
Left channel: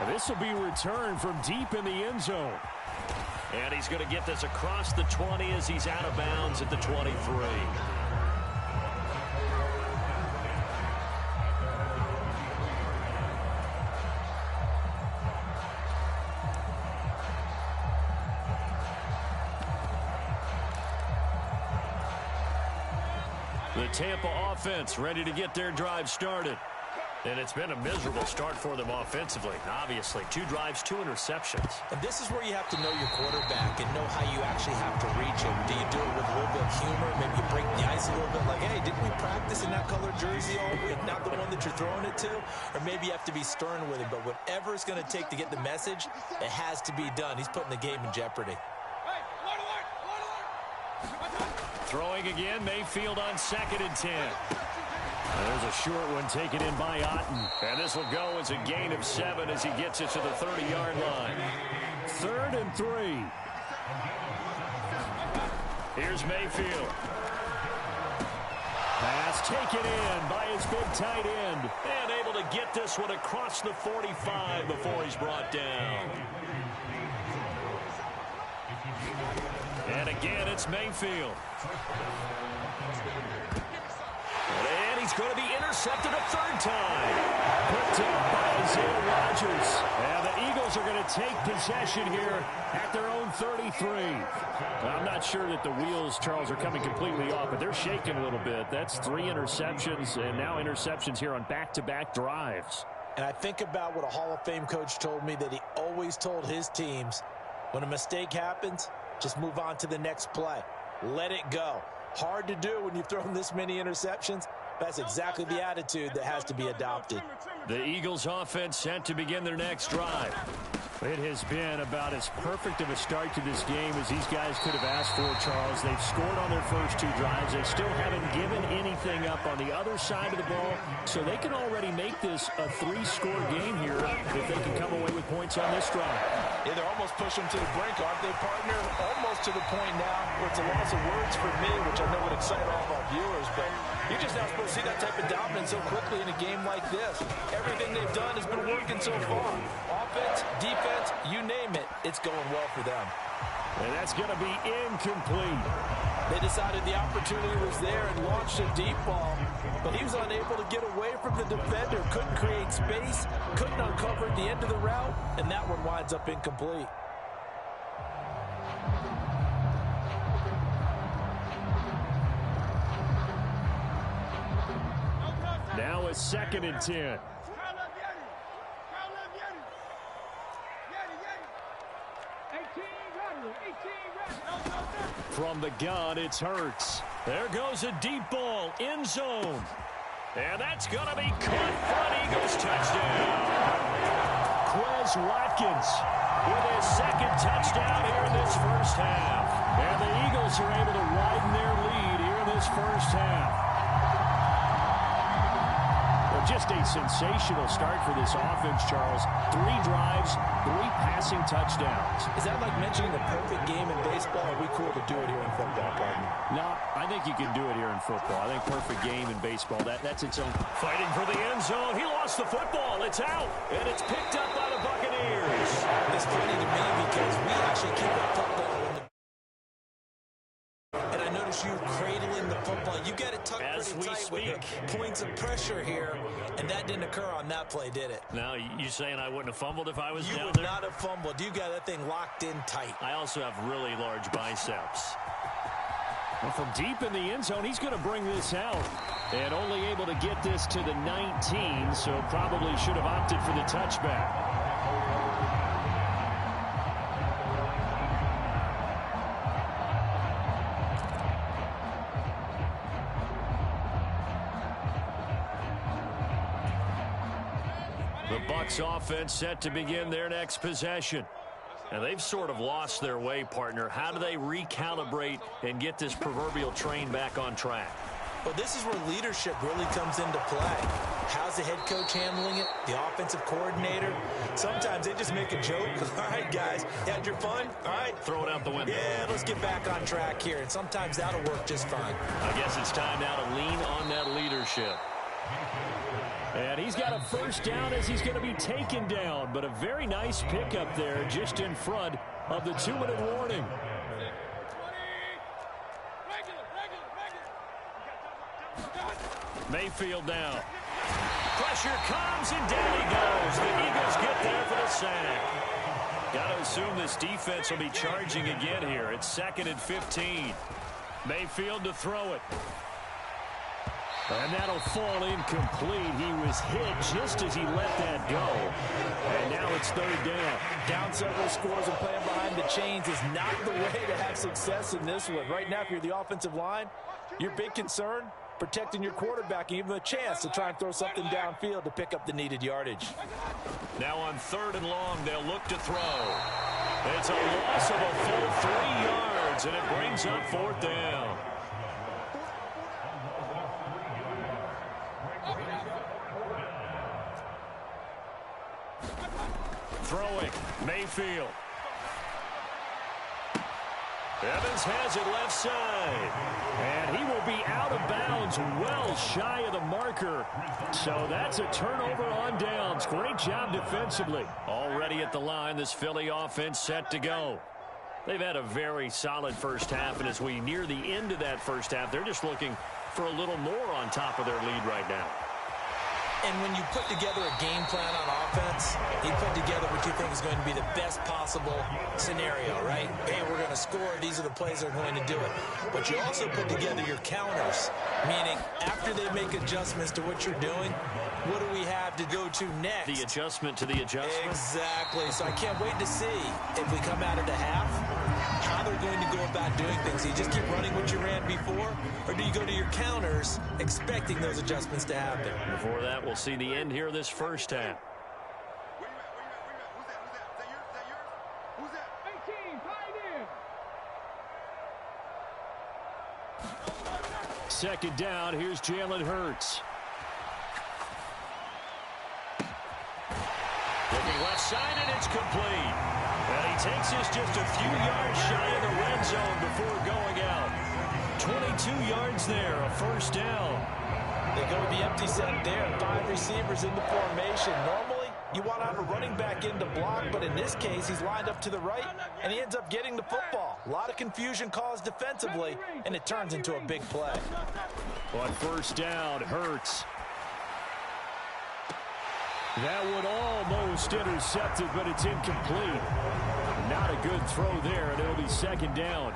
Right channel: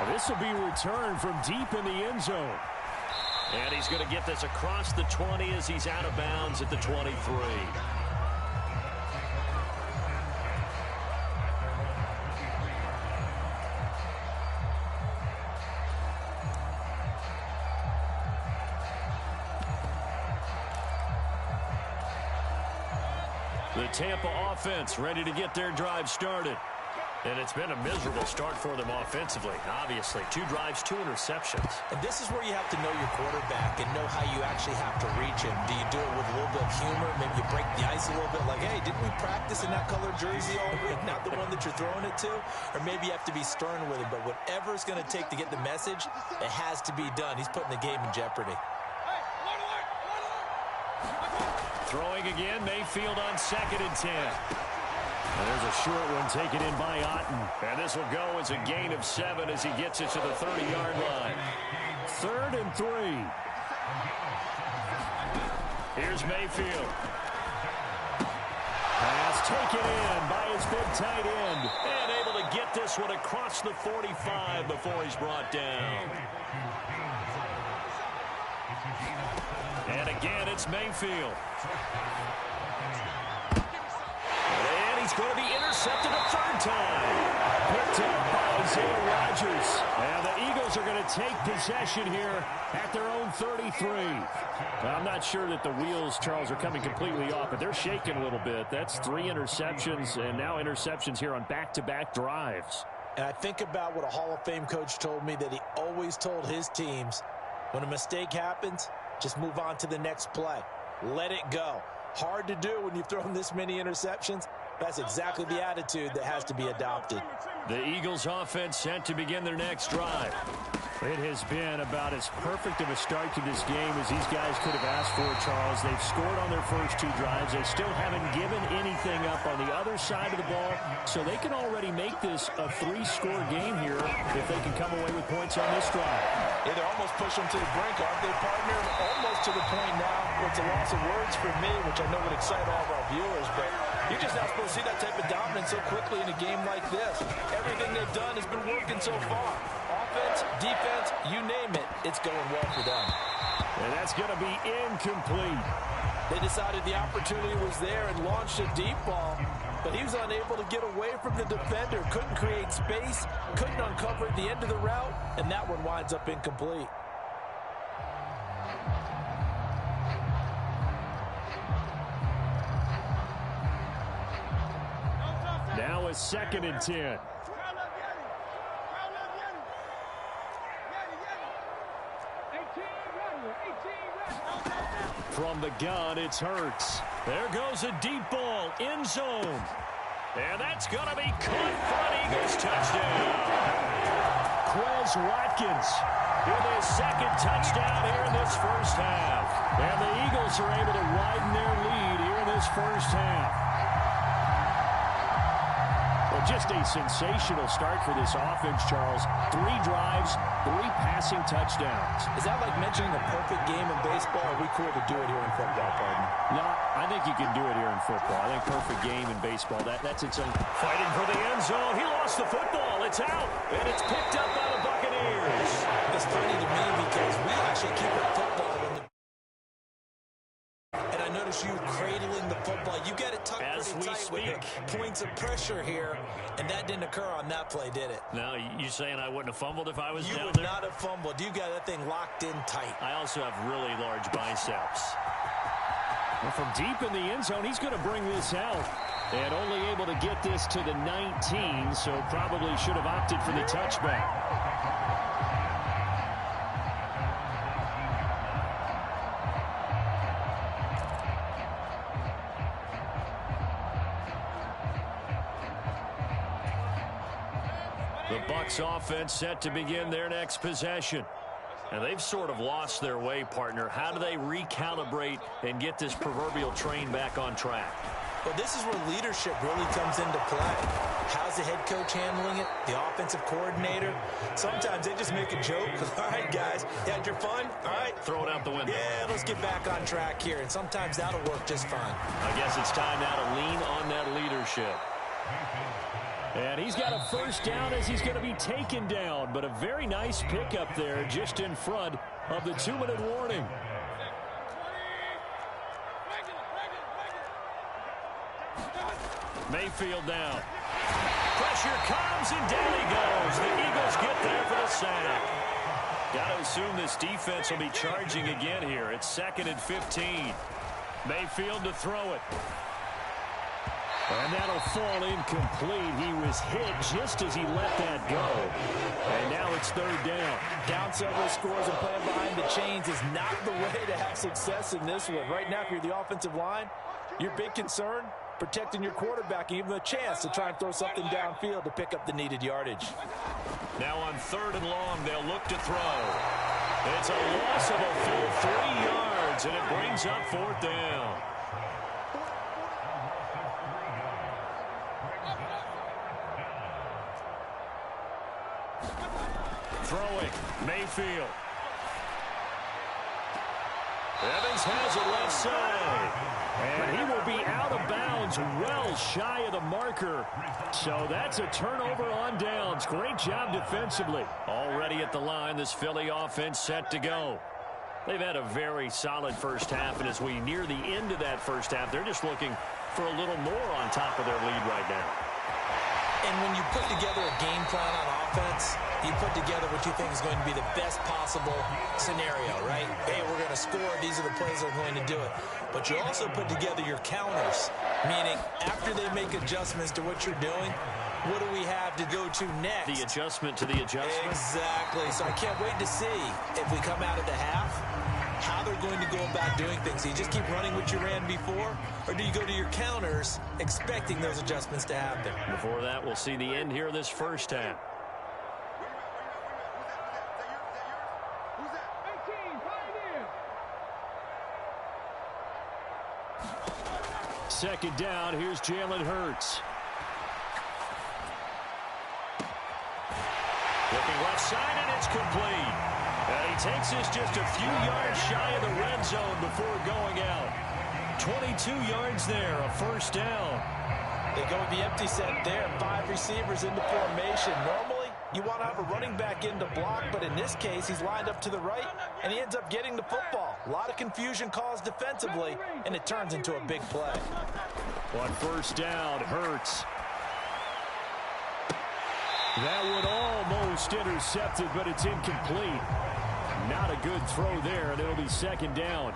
This will be returned from deep in the end zone. And he's going to get this across the 20 as he's out of bounds at the 23. The Tampa offense ready to get their drive started. And it's been a miserable start for them offensively. Obviously, 2 drives, 2 interceptions. And this is where you have to know your quarterback and know how you actually have to reach him. Do you do it with a little bit of humor? Maybe you break the ice a little bit like, hey, didn't we practice in that color jersey all week? Not the one that you're throwing it to? Or maybe you have to be stern with him. But whatever it's going to take to get the message, it has to be done. He's putting the game in jeopardy. Throwing again, Mayfield on 2nd and 10. And there's a short one taken in by Otten. And this will go as a gain of 7 as he gets it to the 30-yard line. 3rd and 3. Here's Mayfield. Pass taken in by his big tight end. And able to get this one across the 45 before he's brought down. And again, it's Mayfield. And he's going to be intercepted a 3rd time. Picked up by Isaiah Rodgers. And the Eagles are going to take possession here at their own 33. Now, I'm not sure that the wheels, Charles, are coming completely off, but they're shaking a little bit. That's 3 interceptions, and now interceptions here on back-to-back drives. And I think about what a Hall of Fame coach told me that he always told his teams, when a mistake happens, just move on to the next play. Let it go. Hard to do when you've thrown this many interceptions. That's exactly the attitude that has to be adopted. The Eagles offense set to begin their next drive. It has been about as perfect of a start to this game as these guys could have asked for, Charles. They've scored on their first 2 drives. They still haven't given anything up on the other side of the ball, so they can already make this a 3-score game here if they can come away with points on this drive. Yeah, they're almost pushing them to the brink, aren't they, partner? Almost to the point now where it's a loss of words for me, which I know would excite all of our viewers, but you're just not supposed to see that type of dominance so quickly in a game like this. Everything they've done has been working so far. Offense, defense, you name it, it's going well for them. And that's going to be incomplete. They decided the opportunity was there and launched a deep ball, but he was unable to get away from the defender, couldn't create space, couldn't uncover at the end of the route, and that one winds up incomplete. Now a 2nd and 10. From the gun, it's Hurts. There goes a deep ball, end zone. And that's going to be caught for an Eagles touchdown. Quez Watkins with his 2nd touchdown here in this first half. And the Eagles are able to widen their lead here in this first half. Well, just a sensational start for this offense, Charles. 3 drives, 3 passing touchdowns. Is that like mentioning the perfect game in baseball? Or are we cool to do it here in football, partner? No, I think you can do it here in football. I think perfect game in baseball, that's its own. Fighting for the end zone. He lost the football. It's out, and it's picked up by the Buccaneers. It's funny to me because we actually keep a football in the... And I notice you cradling the football. You got it tucked pretty tight with the points of pressure here, and that didn't occur on that play, did it? Now, you saying I wouldn't have fumbled if I was down there? You would not have fumbled. You got that thing locked in tight. I also have really large biceps. Well, from deep in the end zone, he's going to bring this out. And only able to get this to the 19, so probably should have opted for the touchback. The Bucs offense set to begin their next possession. And they've sort of lost their way, partner. How do they recalibrate and get this proverbial train back on track? Well, this is where leadership really comes into play. How's the head coach handling it? The offensive coordinator? Sometimes they just make a joke. All right, guys, you had your fun? All right. Throw it out the window. Yeah, let's get back on track here. And sometimes that'll work just fine. I guess it's time now to lean on that leadership. And he's got a first down as he's going to be taken down. But a very nice pickup there just in front of the 2-minute warning. Mayfield down. Pressure comes and down he goes. The Eagles get there for the sack. Got to assume this defense will be charging again here. It's 2nd and 15. Mayfield to throw it. And that'll fall incomplete. He was hit just as he let that go. And now it's 3rd down. Down several scores and playing behind the chains is not the way to have success in this one. Right now, if you're the offensive line, your big concern, protecting your quarterback and give him a chance to try and throw something downfield to pick up the needed yardage. Now on 3rd and long, they'll look to throw. It's a loss of a full 3 yards, and it brings up 4th down. Throwing, Mayfield. Evans has it left side. And he will be out of bounds well shy of the marker. So that's a turnover on downs. Great job defensively. Already at the line, this Philly offense set to go. They've had a very solid first half, and as we near the end of that first half, they're just looking for a little more on top of their lead right now. And when you put together a game plan on offense, you put together what you think is going to be the best possible scenario, right? Hey, we're going to score. These are the plays that are going to do it. But you also put together your counters, meaning after they make adjustments to what you're doing, what do we have to go to next? The adjustment to the adjustment? Exactly. So I can't wait to see if we come out of the half, how they're going to go about doing things. Do you just keep running what you ran before, or do you go to your counters expecting those adjustments to happen? Before that, we'll see the end here of this first half. Who's that? 18, Pioneer. 2nd down, here's Jalen Hurts. Looking left side, and it's complete. And he takes this just a few yards shy of the red zone before going out. 22 yards there, a first down. They go with the empty set there, 5 receivers into formation. Normally, you want to have a running back in to block, but in this case, he's lined up to the right, and he ends up getting the football. A lot of confusion caused defensively, and it turns into a big play. On first down, Hurts. That one almost intercepted, but it's incomplete. Not a good throw there, and it'll be 2nd down.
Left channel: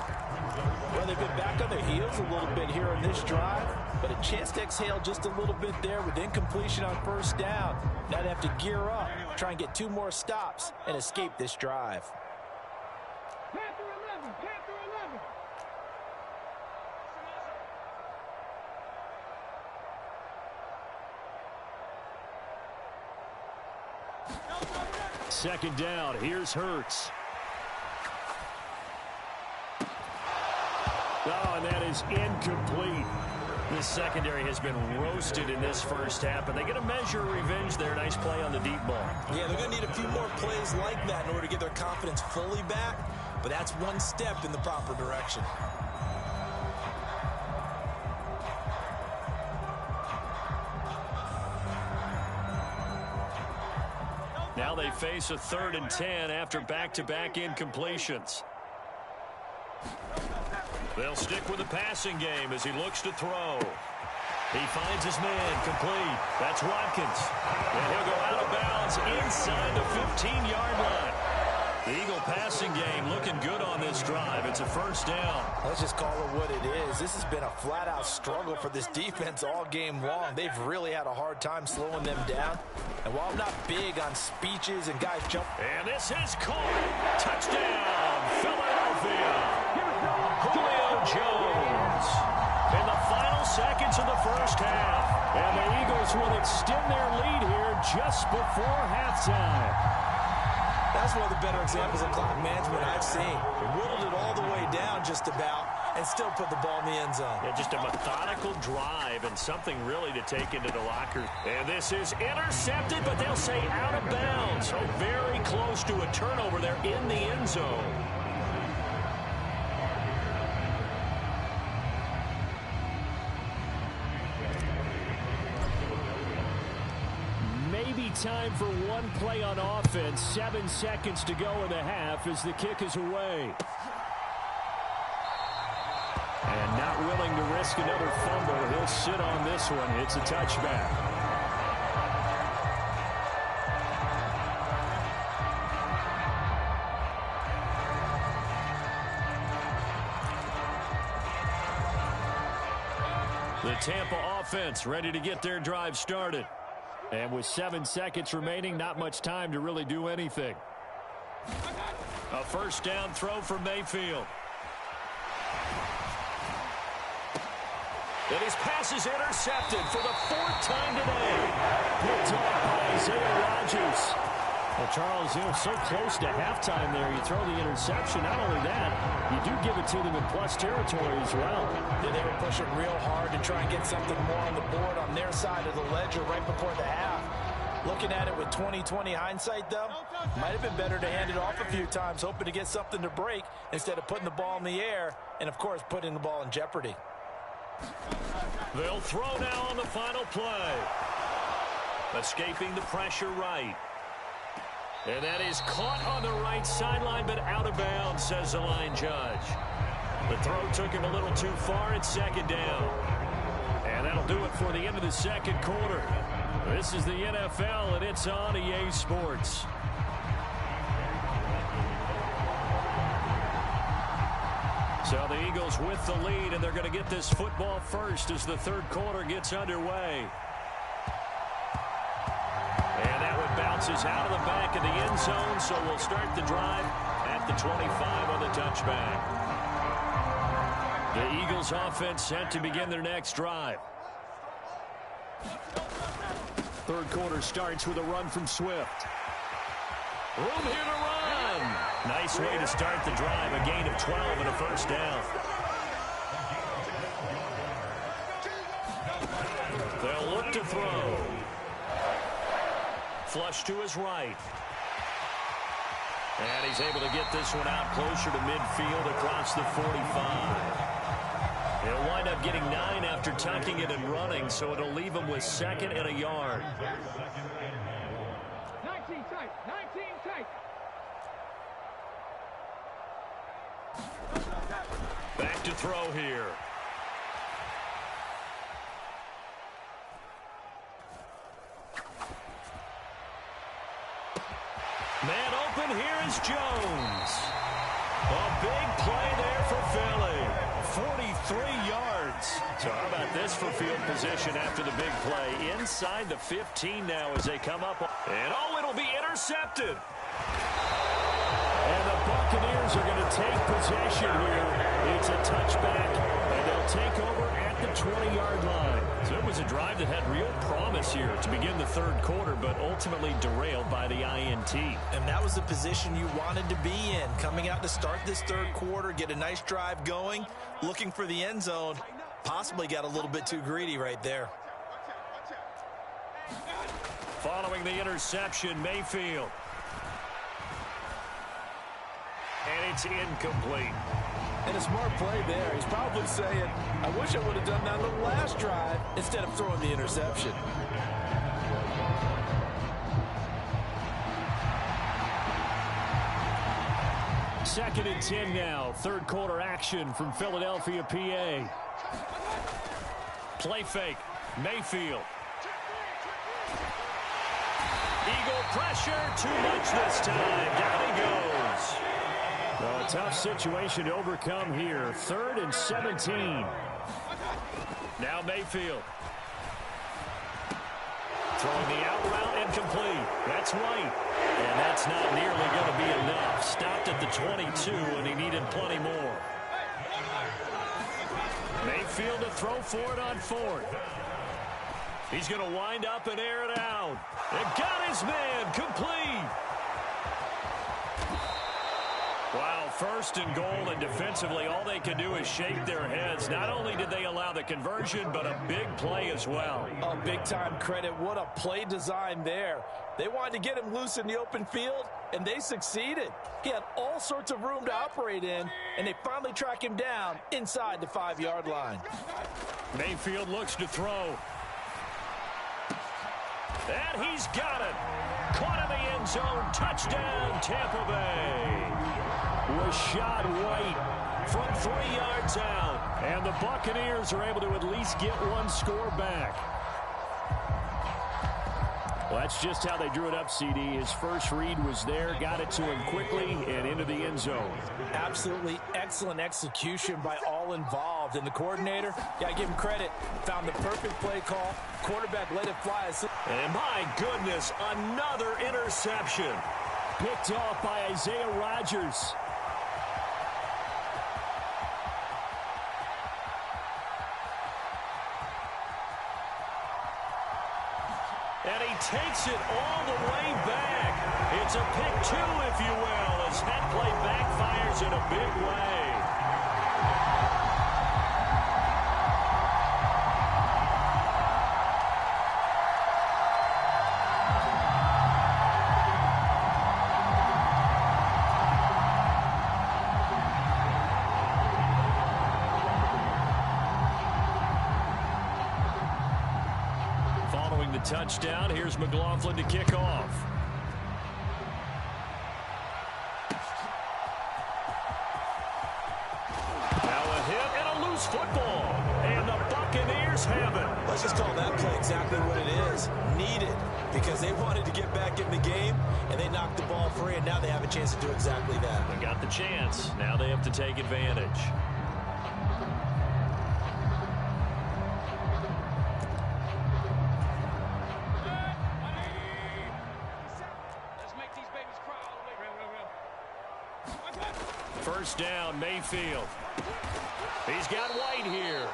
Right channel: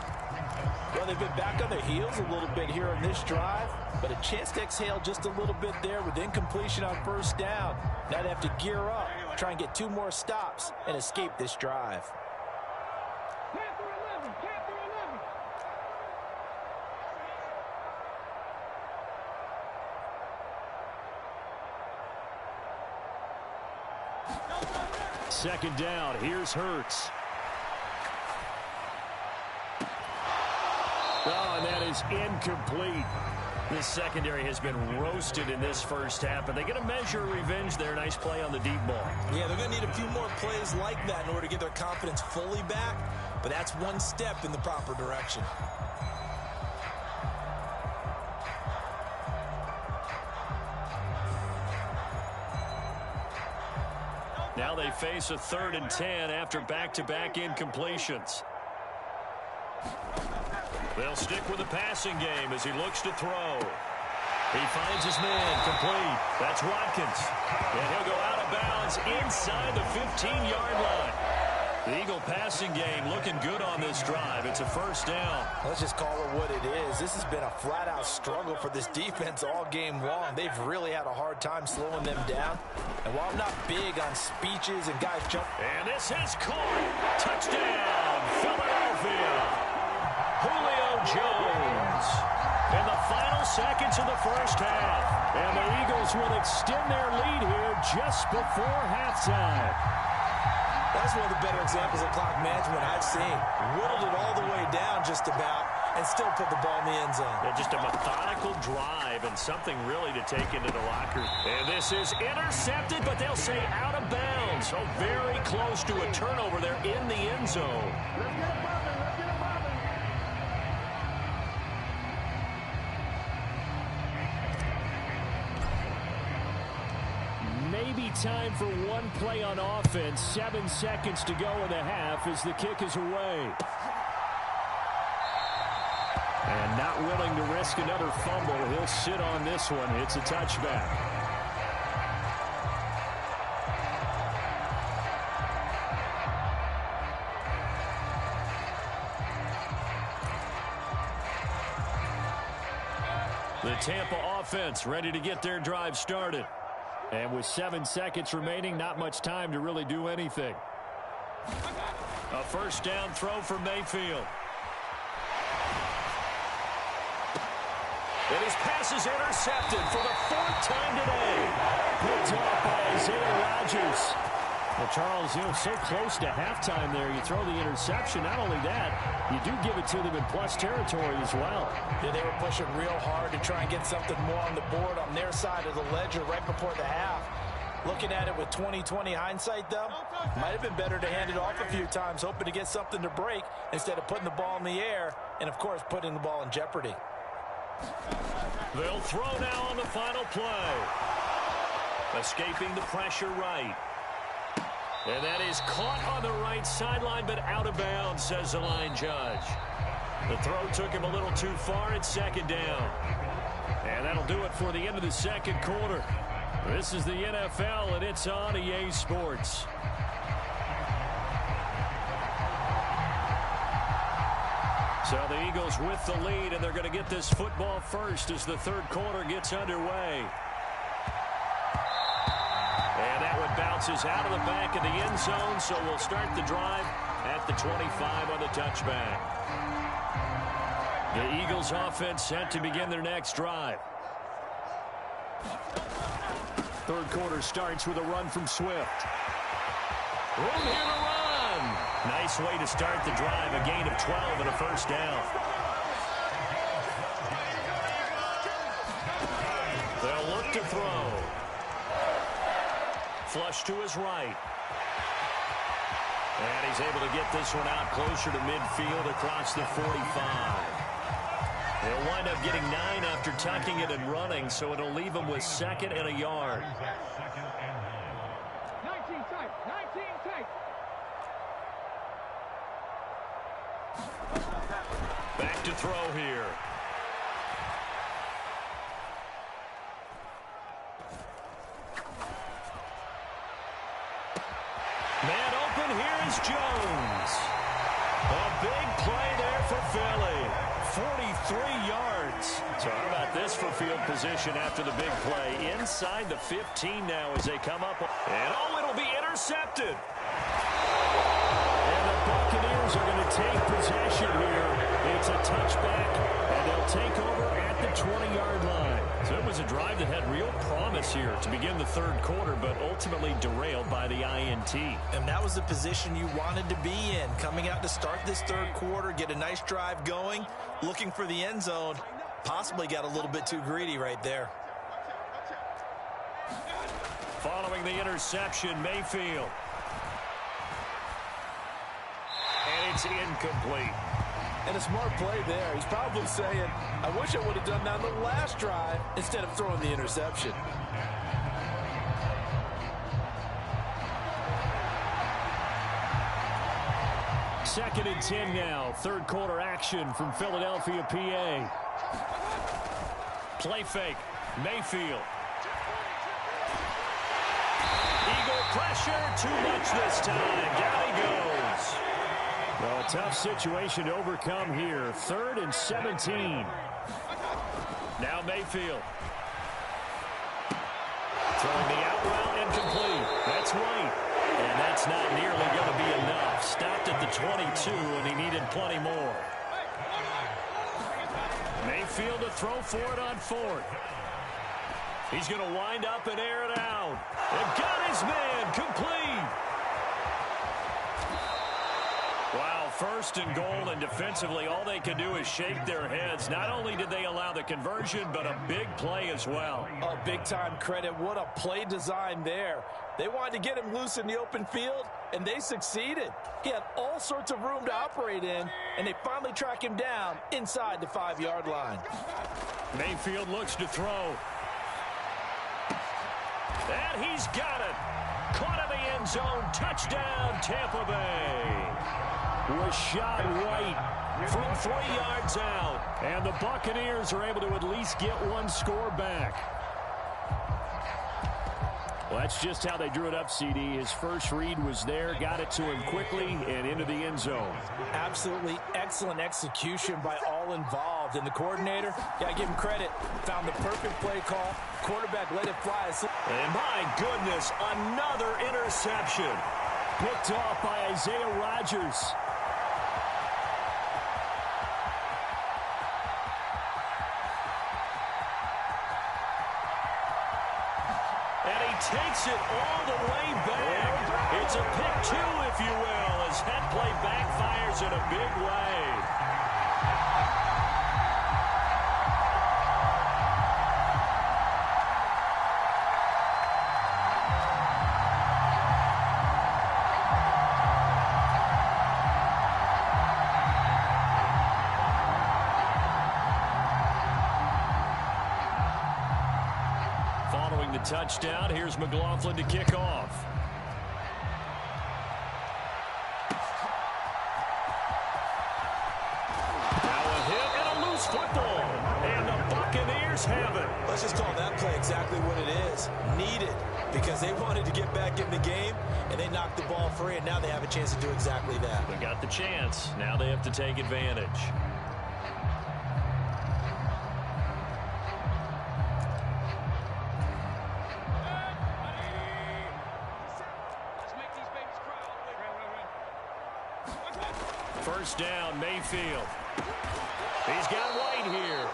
Well, they've been back on their heels a little bit here on this drive, but a chance to exhale just a little bit there with incompletion on first down. Now they have to gear up, try and get 2 more stops, and escape this drive. Panther 11, Panther 11. Second down, here's Hurts. Oh, and that is incomplete. This secondary has been roasted in this first half, and they get a measure of revenge there. Nice play on the deep ball. Yeah, they're going to need a few more plays like that in order to get their confidence fully back, but that's one step in the proper direction. Now they face a 3rd and 10 after back-to-back incompletions. They'll stick with the passing game as he looks to throw. He finds his man complete. That's Watkins. And he'll go out of bounds inside the 15-yard line. The Eagle passing game looking good on this drive. It's a first down. Let's just call it what it is. This has been a flat-out struggle for this defense all game long. They've really had a hard time slowing them down. And while I'm not big on speeches and guys jump... And this is caught. Touchdown, Philadelphia. Julio Jones. In the final seconds of the first half. And the Eagles will extend their lead here just before halftime. That's one of the better examples of clock management I've seen. Whittled it all the way down just about and still put the ball in the end zone. Yeah, just a methodical drive and something really to take into the locker. And this is intercepted, but they'll say out of bounds. So very close to a turnover there in the end zone. Maybe time for one play on offense. 7 seconds to go in the half as the kick is away. And not willing to risk another fumble. He'll sit on this one. It's a touchback. The Tampa offense ready to get their drive started. And with 7 seconds remaining, not much time to really do anything. A first down throw for Mayfield. And his pass is intercepted for the 4th time today. Picked off by Isaiah Rodgers. Well, Charles, so close to halftime there. You throw the interception. Not only that, you do give it to them in plus territory as well. Yeah, they were pushing real hard to try and get something more on the board on their side of the ledger right before the half. Looking at it with 20/20 hindsight, though, might have been better to hand it off a few times, hoping to get something to break instead of putting the ball in the air and, of course, putting the ball in jeopardy. They'll throw now on the final play. Escaping the pressure right. And that is caught on the right sideline, but out of bounds, says the line judge. The throw took him a little too far. It's 2nd down. And that'll do it for the end of the 2nd quarter. This is the NFL, and it's on EA Sports. So the Eagles with the lead, and they're going to get this football first as the 3rd quarter gets underway. And that one bounces out of the back of the end zone, so we'll start the drive at the 25 on the touchback. The Eagles offense set to begin their next drive. 3rd quarter starts with a run from Swift. Room here to run. Nice way to start the drive, a gain of 12 and a first down. They'll look to throw. Flush to his right. And he's able to get this one out closer to midfield across the 45. He'll wind up getting 9 after tucking it and running, so it'll leave him with 2nd and a yard. 19 tight, 19 tight. Back to throw here. Man open, here is Jones. A big play there for Philly. 43 yards. So how about this for field position after the big play? Inside the 15 now as they come up. And it'll be intercepted. And the Buccaneers are going to take possession here. It's a touchback, and they'll take over at the 20-yard line. So it was a drive that had real promise here to begin the 3rd quarter, but ultimately derailed by the INT. And that was the position you wanted to be in. Coming out to start this 3rd quarter, get a nice drive going, looking for the end zone. Possibly got a little bit too greedy right there. Following the interception, Mayfield. And it's incomplete. And a smart play there. He's probably saying, I wish I would have done that on the last drive instead of throwing the interception. Second and 10 now. 3rd quarter action from Philadelphia, PA. Play fake. Mayfield. Eagle pressure. Too much this time. Down he goes. Well, a tough situation to overcome here. 3rd and 17. Now Mayfield. Throwing the out route and complete. That's White. And that's not nearly going to be enough. Stopped at the 22, and he needed plenty more. Mayfield to throw for it on 4th. He's going to wind up and air it out. And got his man complete. Wow, first and goal, and defensively, all they can do is shake their heads. Not only did they allow the conversion, but a big play as well. Oh, big-time credit. What a play design there. They wanted to get him loose in the open field, and they succeeded. He had all sorts of room to operate in, and they finally track him down inside the 5-yard line. Mayfield looks to throw. And he's got it. Caught in the end zone. Touchdown, Tampa Bay. Rashad White from 3 yards out. And the Buccaneers are able to at least get one score back. Well, that's just how they drew it up, CD. His first read was there, got it to him quickly, and into the end zone. Absolutely excellent execution by all involved. And the coordinator, gotta give him credit, found the perfect play call. Quarterback let it fly. And my goodness, another interception. Picked off by Isaiah Rodgers. And he takes it all the way back. It's a pick two, if you will, as that play backfires in a big way. Following the touchdown, here's McLaughlin to kick off. Now a hit and a loose football. And the Buccaneers have it. Let's just call that play exactly what it is. Needed, because they wanted to get back in the game, and they knocked the ball free, and now they have a chance to do exactly that. They got the chance. Now they have to take advantage. First down, Mayfield. He's got White here.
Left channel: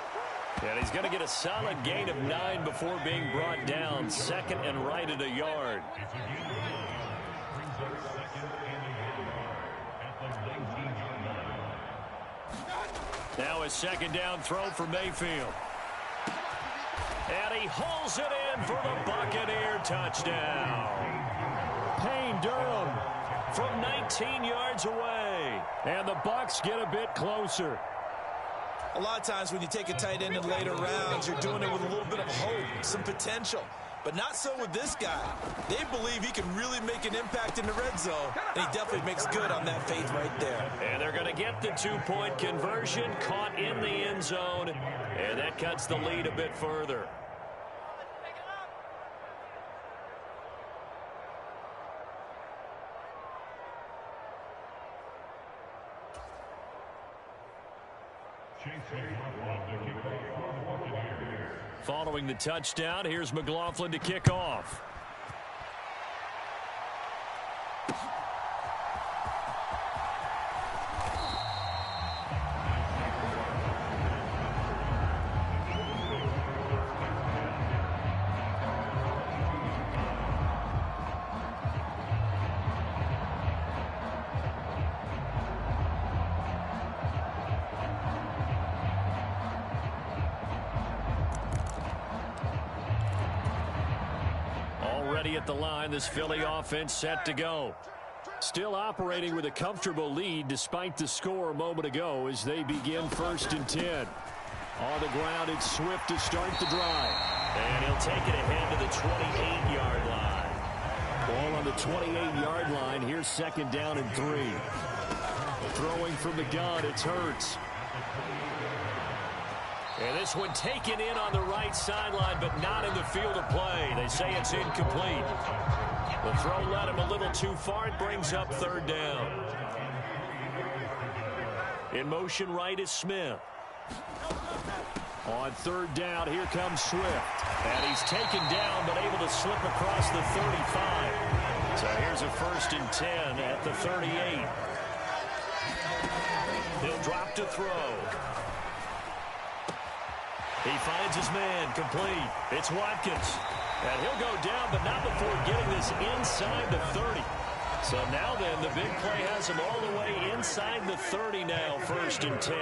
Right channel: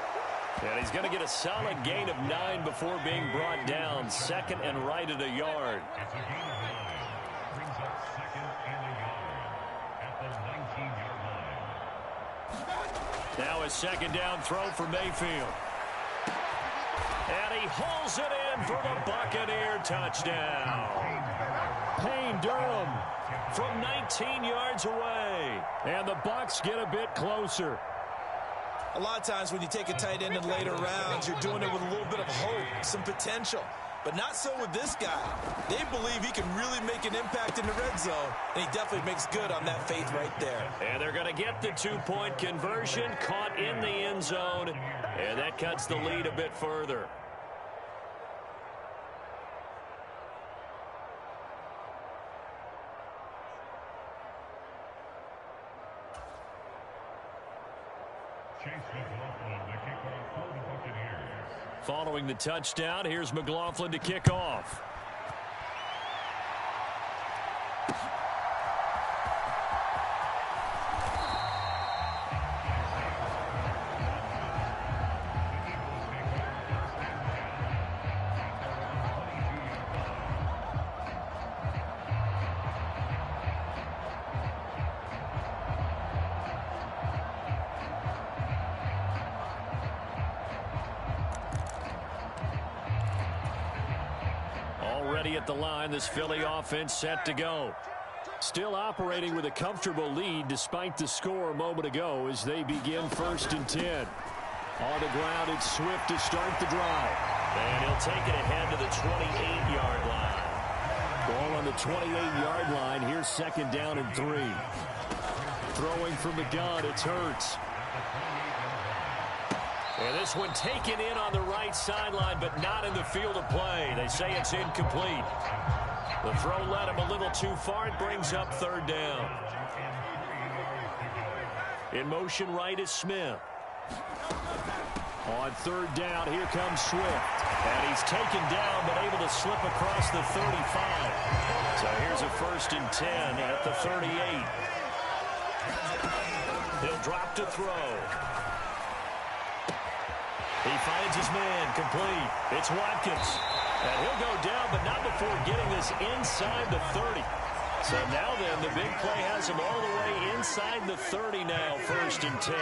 And he's going to get a solid gain of 9 before being brought down. Second and right at a yard. Now a second down throw for Mayfield. And he hauls it in for the Buccaneer touchdown. Payne Durham from 19 yards away. And the Bucs get a bit closer. A lot of times when you take a tight end in later rounds, you're doing it with a little bit of hope, some potential. But not so with this guy. They believe he can really make an impact in the red zone, and he definitely makes good on that faith right there. And they're going to get the 2-point conversion, caught in the end zone, and that cuts the lead a bit further. Following the touchdown, here's McLaughlin to kick off. Already at the line, this Philly offense set to go. Still operating with a comfortable lead despite the score a moment ago as they begin 1st and 10. On the ground, it's Swift to start the drive. And he'll take it ahead to the 28-yard line. Ball on the 28-yard line. Here's 2nd down and 3. Throwing from the gun, it's Hurts. And this one taken in on the right sideline, but not in the field of play. They say it's incomplete. The throw led him a little too far. It brings up 3rd down. In motion right is Smith. On 3rd down, here comes Swift. And he's taken down, but able to slip across the 35. So here's a 1st and 10 at the 38. He'll drop to throw. He finds his man, complete. It's Watkins. And he'll go down, but not before getting this inside the 30. So now then, the big play has him all the way inside the 30 now, 1st and 10.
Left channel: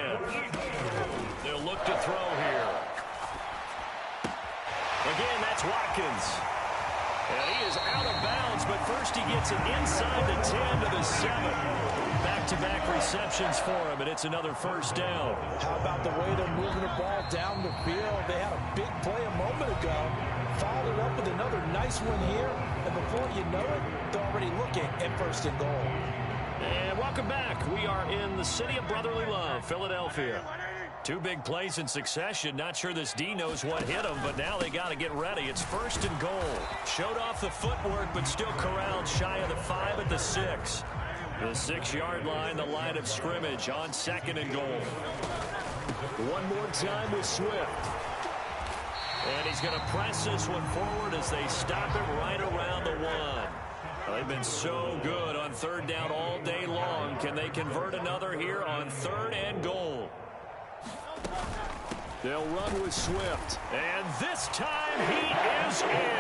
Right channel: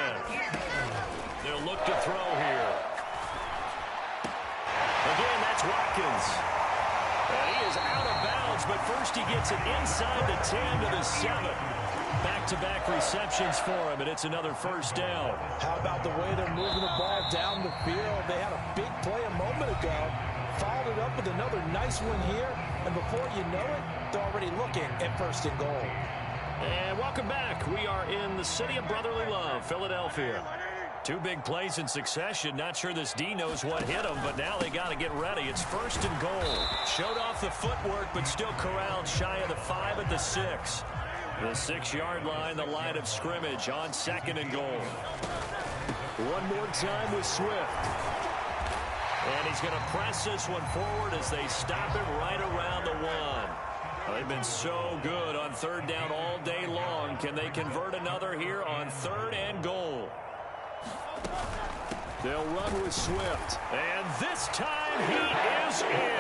They'll look to throw here. Again, that's Watkins. And he is out of bounds, but first he gets it inside the 10 to the 7. Back-to-back receptions for him, and it's another 1st down. How about the way they're moving the ball down the field? They had a big play a moment ago, followed it up with another nice one here, and before you know it, they're already looking at 1st and goal. And welcome back. We are in the city of brotherly love, Philadelphia. 2 big plays in succession. Not sure this D knows what hit him, but now they got to get ready. It's 1st and goal. Showed off the footwork, but still corralled shy of the 5 at the 6. The 6-yard line, the line of scrimmage on 2nd and goal. One more time with Swift. And he's going to press this one forward as they stop it right around the 1. Well, they've been so good on 3rd down all day long. Can they convert another here on 3rd and goal? They'll run with Swift. And this time he is in.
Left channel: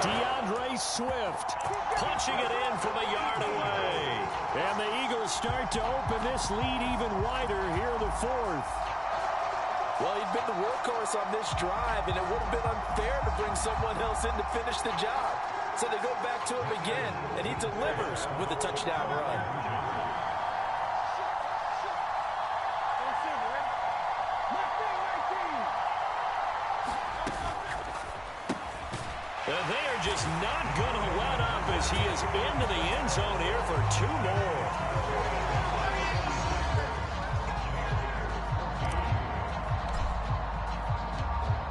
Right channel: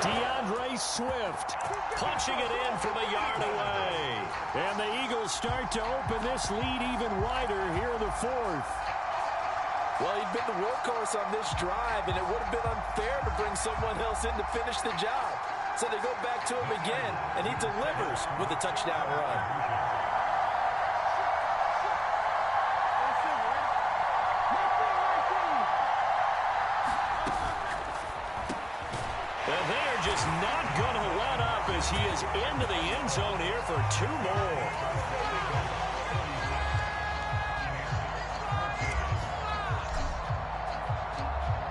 DeAndre Swift punching it in from a yard away. And the Eagles start to open this lead even wider here in the 4th. Well, he'd been the workhorse on this drive, and it would have been unfair to bring someone else in to finish the job. So they go back to him again, and he delivers with a touchdown run. And they are just not going to let up as he is into the end zone here for 2 more.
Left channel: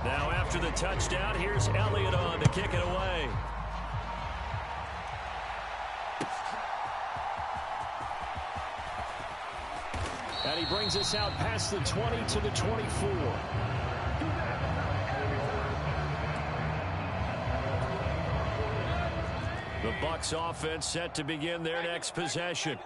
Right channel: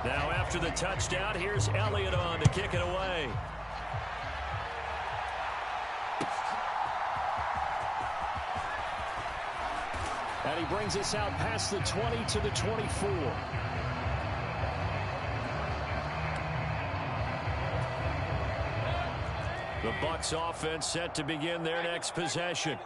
Now after the touchdown, here's Elliott on to kick it away. And he brings us out past the 20 to the 24. The Bucs offense set to begin their next possession.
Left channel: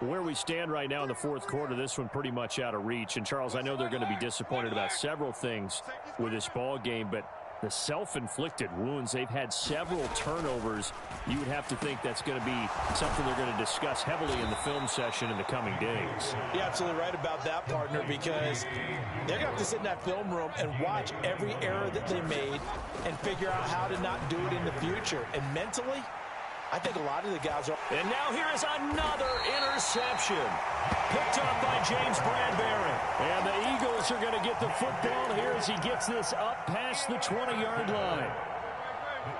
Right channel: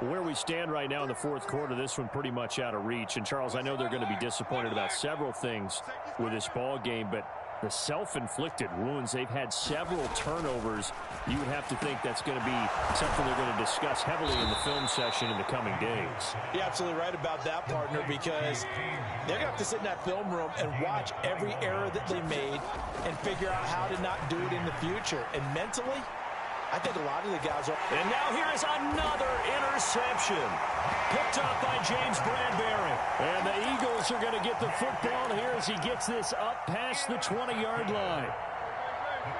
Where we stand right now in the 4th quarter, this one pretty much out of reach. And, Charles, I know they're going to be disappointed about several things with this ball game, but the self-inflicted wounds, they've had several turnovers. You would have to think that's going to be something they're going to discuss heavily in the film session in the coming days. You're absolutely right about that, partner, because they're going to have to sit in that film room and watch every error that they made and figure out how to not do it in the future. And mentally, I think a lot of the guys are. And now here is another interception. Picked off by James Bradbury. And the Eagles are going to get the football here as he gets this up past the 20-yard line.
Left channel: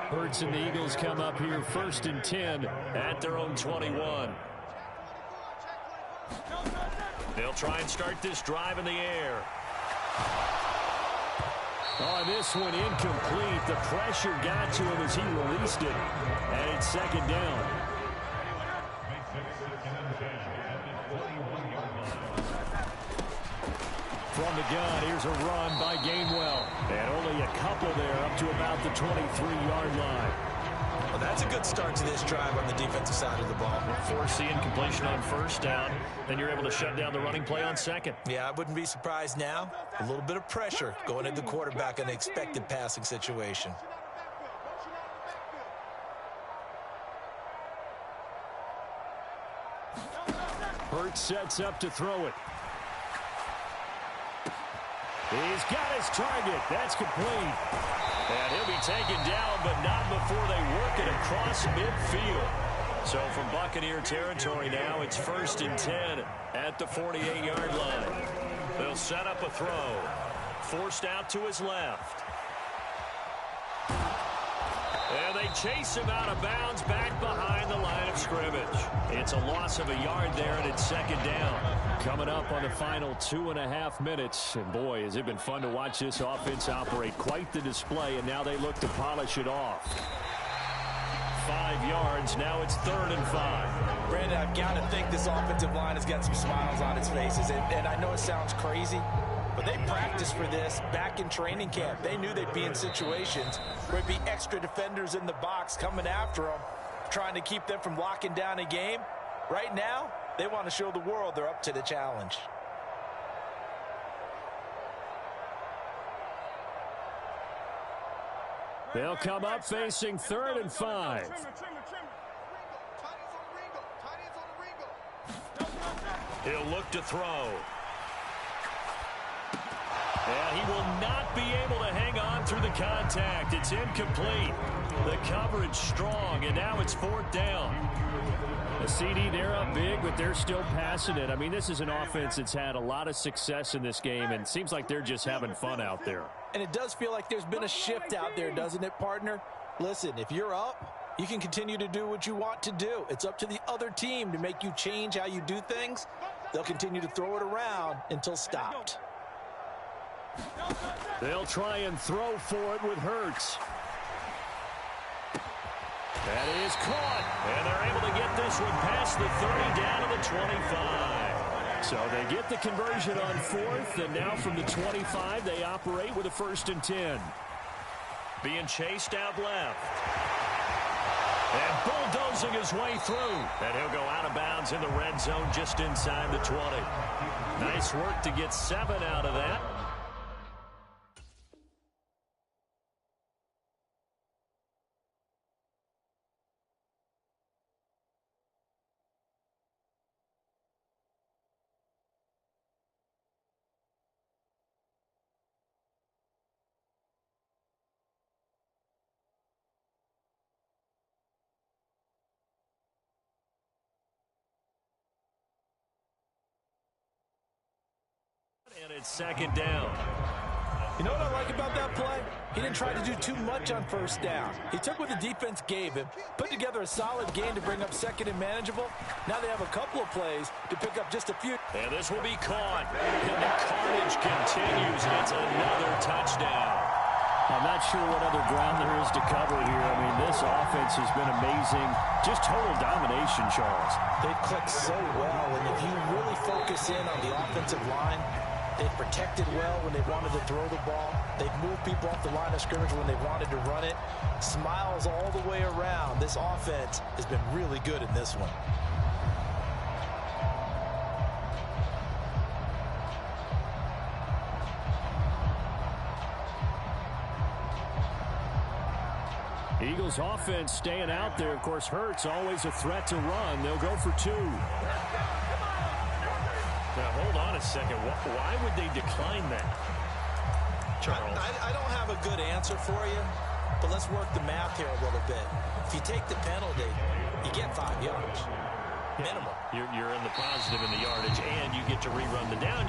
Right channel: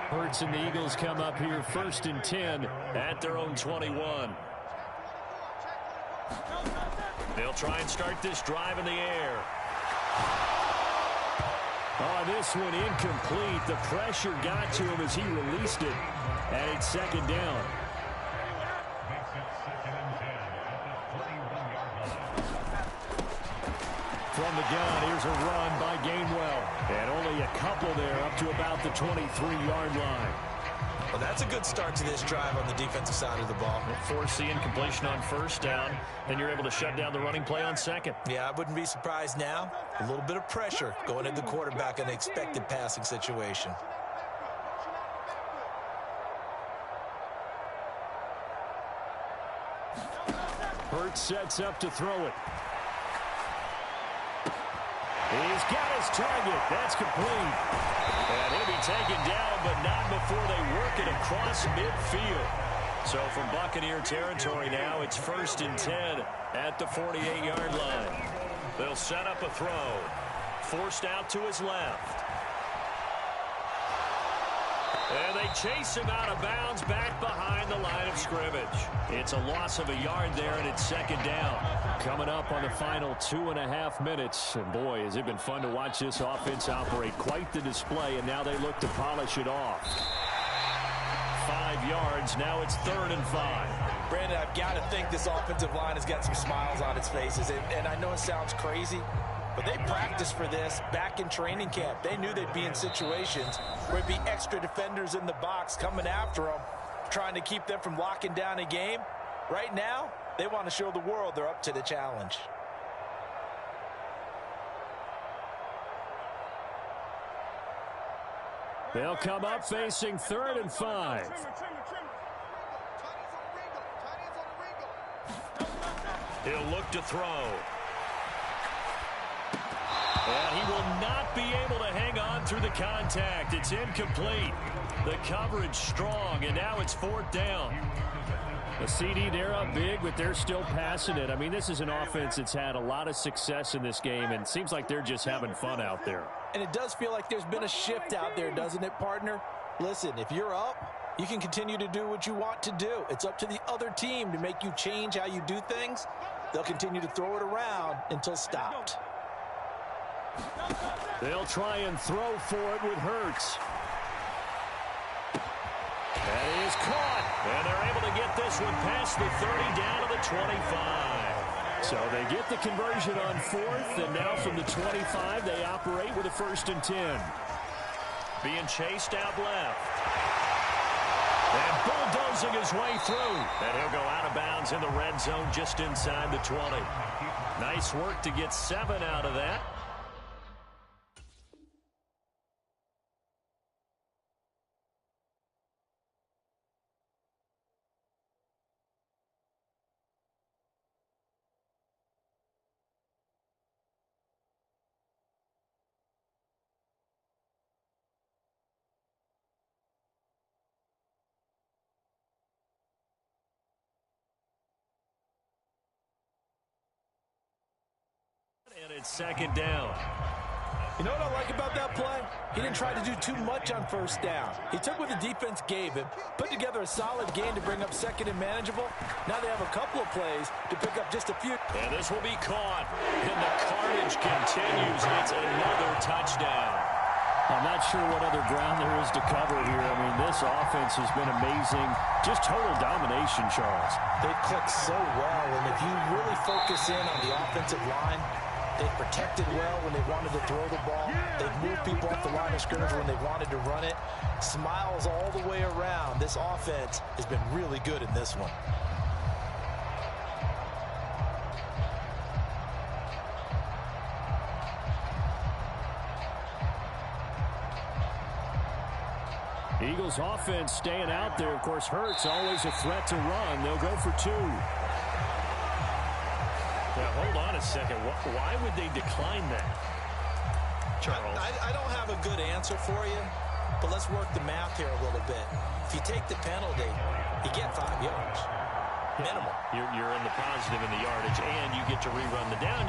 Hurts and the Eagles come up here 1st and 10 at their own 21. They'll try and start this drive in the air. Oh, this one incomplete. The pressure got to him as he released it. And it's 2nd down. From the gun, here's a run by Gainwell. And only a couple there up to about the 23-yard line. Well, that's a good start to this drive on the defensive side of the ball. Force the incompletion on 1st down. Then you're able to shut down the running play on 2nd. Yeah, I wouldn't be surprised now. A little bit of pressure going at the quarterback in an expected passing situation. Hurts sets up to throw it. He's got his target. That's complete. And he'll be taken down, but not before they work it across midfield. So from Buccaneer territory now, it's 1st and 10 at the 48-yard line. They'll set up a throw. Forced out to his left. And they chase him out of bounds back behind the line of scrimmage. It's a loss of a yard there, and it's 2nd down. Coming up on the final 2.5 minutes. And boy, has it been fun to watch this offense operate. Quite the display, and now they look to polish it off. 5 yards. Now it's 3rd and 5. Brandon, I've got to think this offensive line has got some smiles on its faces. And I know it sounds crazy, but they practiced for this back in training camp. They knew they'd be in situations where there'd be extra defenders in the box coming after them, trying to keep them from locking down a game. Right now, they want to show the world they're up to the challenge. They'll come up facing 3rd and 5. He'll look to throw. And he will not be able to hang on through the contact. It's incomplete. The coverage strong, and now it's 4th down. The CD, they're up big, but they're still passing it. I mean, this is an offense that's had a lot of success in this game, and it seems like they're just having fun out there. And it does feel like there's been a shift out there, doesn't it, partner? Listen, if you're up, you can continue to do what you want to do. It's up to the other team to make you change how you do things. They'll continue to throw it around until stopped. They'll try and throw for it with Hurts. That is caught, and they're able to get this one past the 30 down to the 25. So they get the conversion on 4th, and now from the 25, they operate with a 1st and 10. Being chased out left. And bulldozing his way through. And he'll go out of bounds in the red zone just inside the 20. Nice work to get 7 out of that. And it's 2nd down. You know what I like about that play? He didn't try to do too much on 1st down. He took what the defense gave him, put together a solid game to bring up 2nd and manageable. Now they have a couple of plays to pick up just a few. And this will be caught. And the carnage continues. It's another touchdown. I'm not sure what other ground there is to cover here. I mean, this offense has been amazing. Just total domination, Charles. They've clicked so well, and if you really focus in on the offensive line, they've protected well when they wanted to throw the ball. They've moved people off the line of scrimmage when they wanted to run it. Smiles all the way around. This offense has been really good in this one. Eagles offense staying out there. Of course, Hurts always a threat to run. They'll go for 2. Now, hold on a second. Why would they decline that, Charles? I don't have a good answer for you, but let's work the math here a little bit. If you take the penalty, you get 5 yards. Minimal. You're in the positive in the yardage, and you get to rerun the down.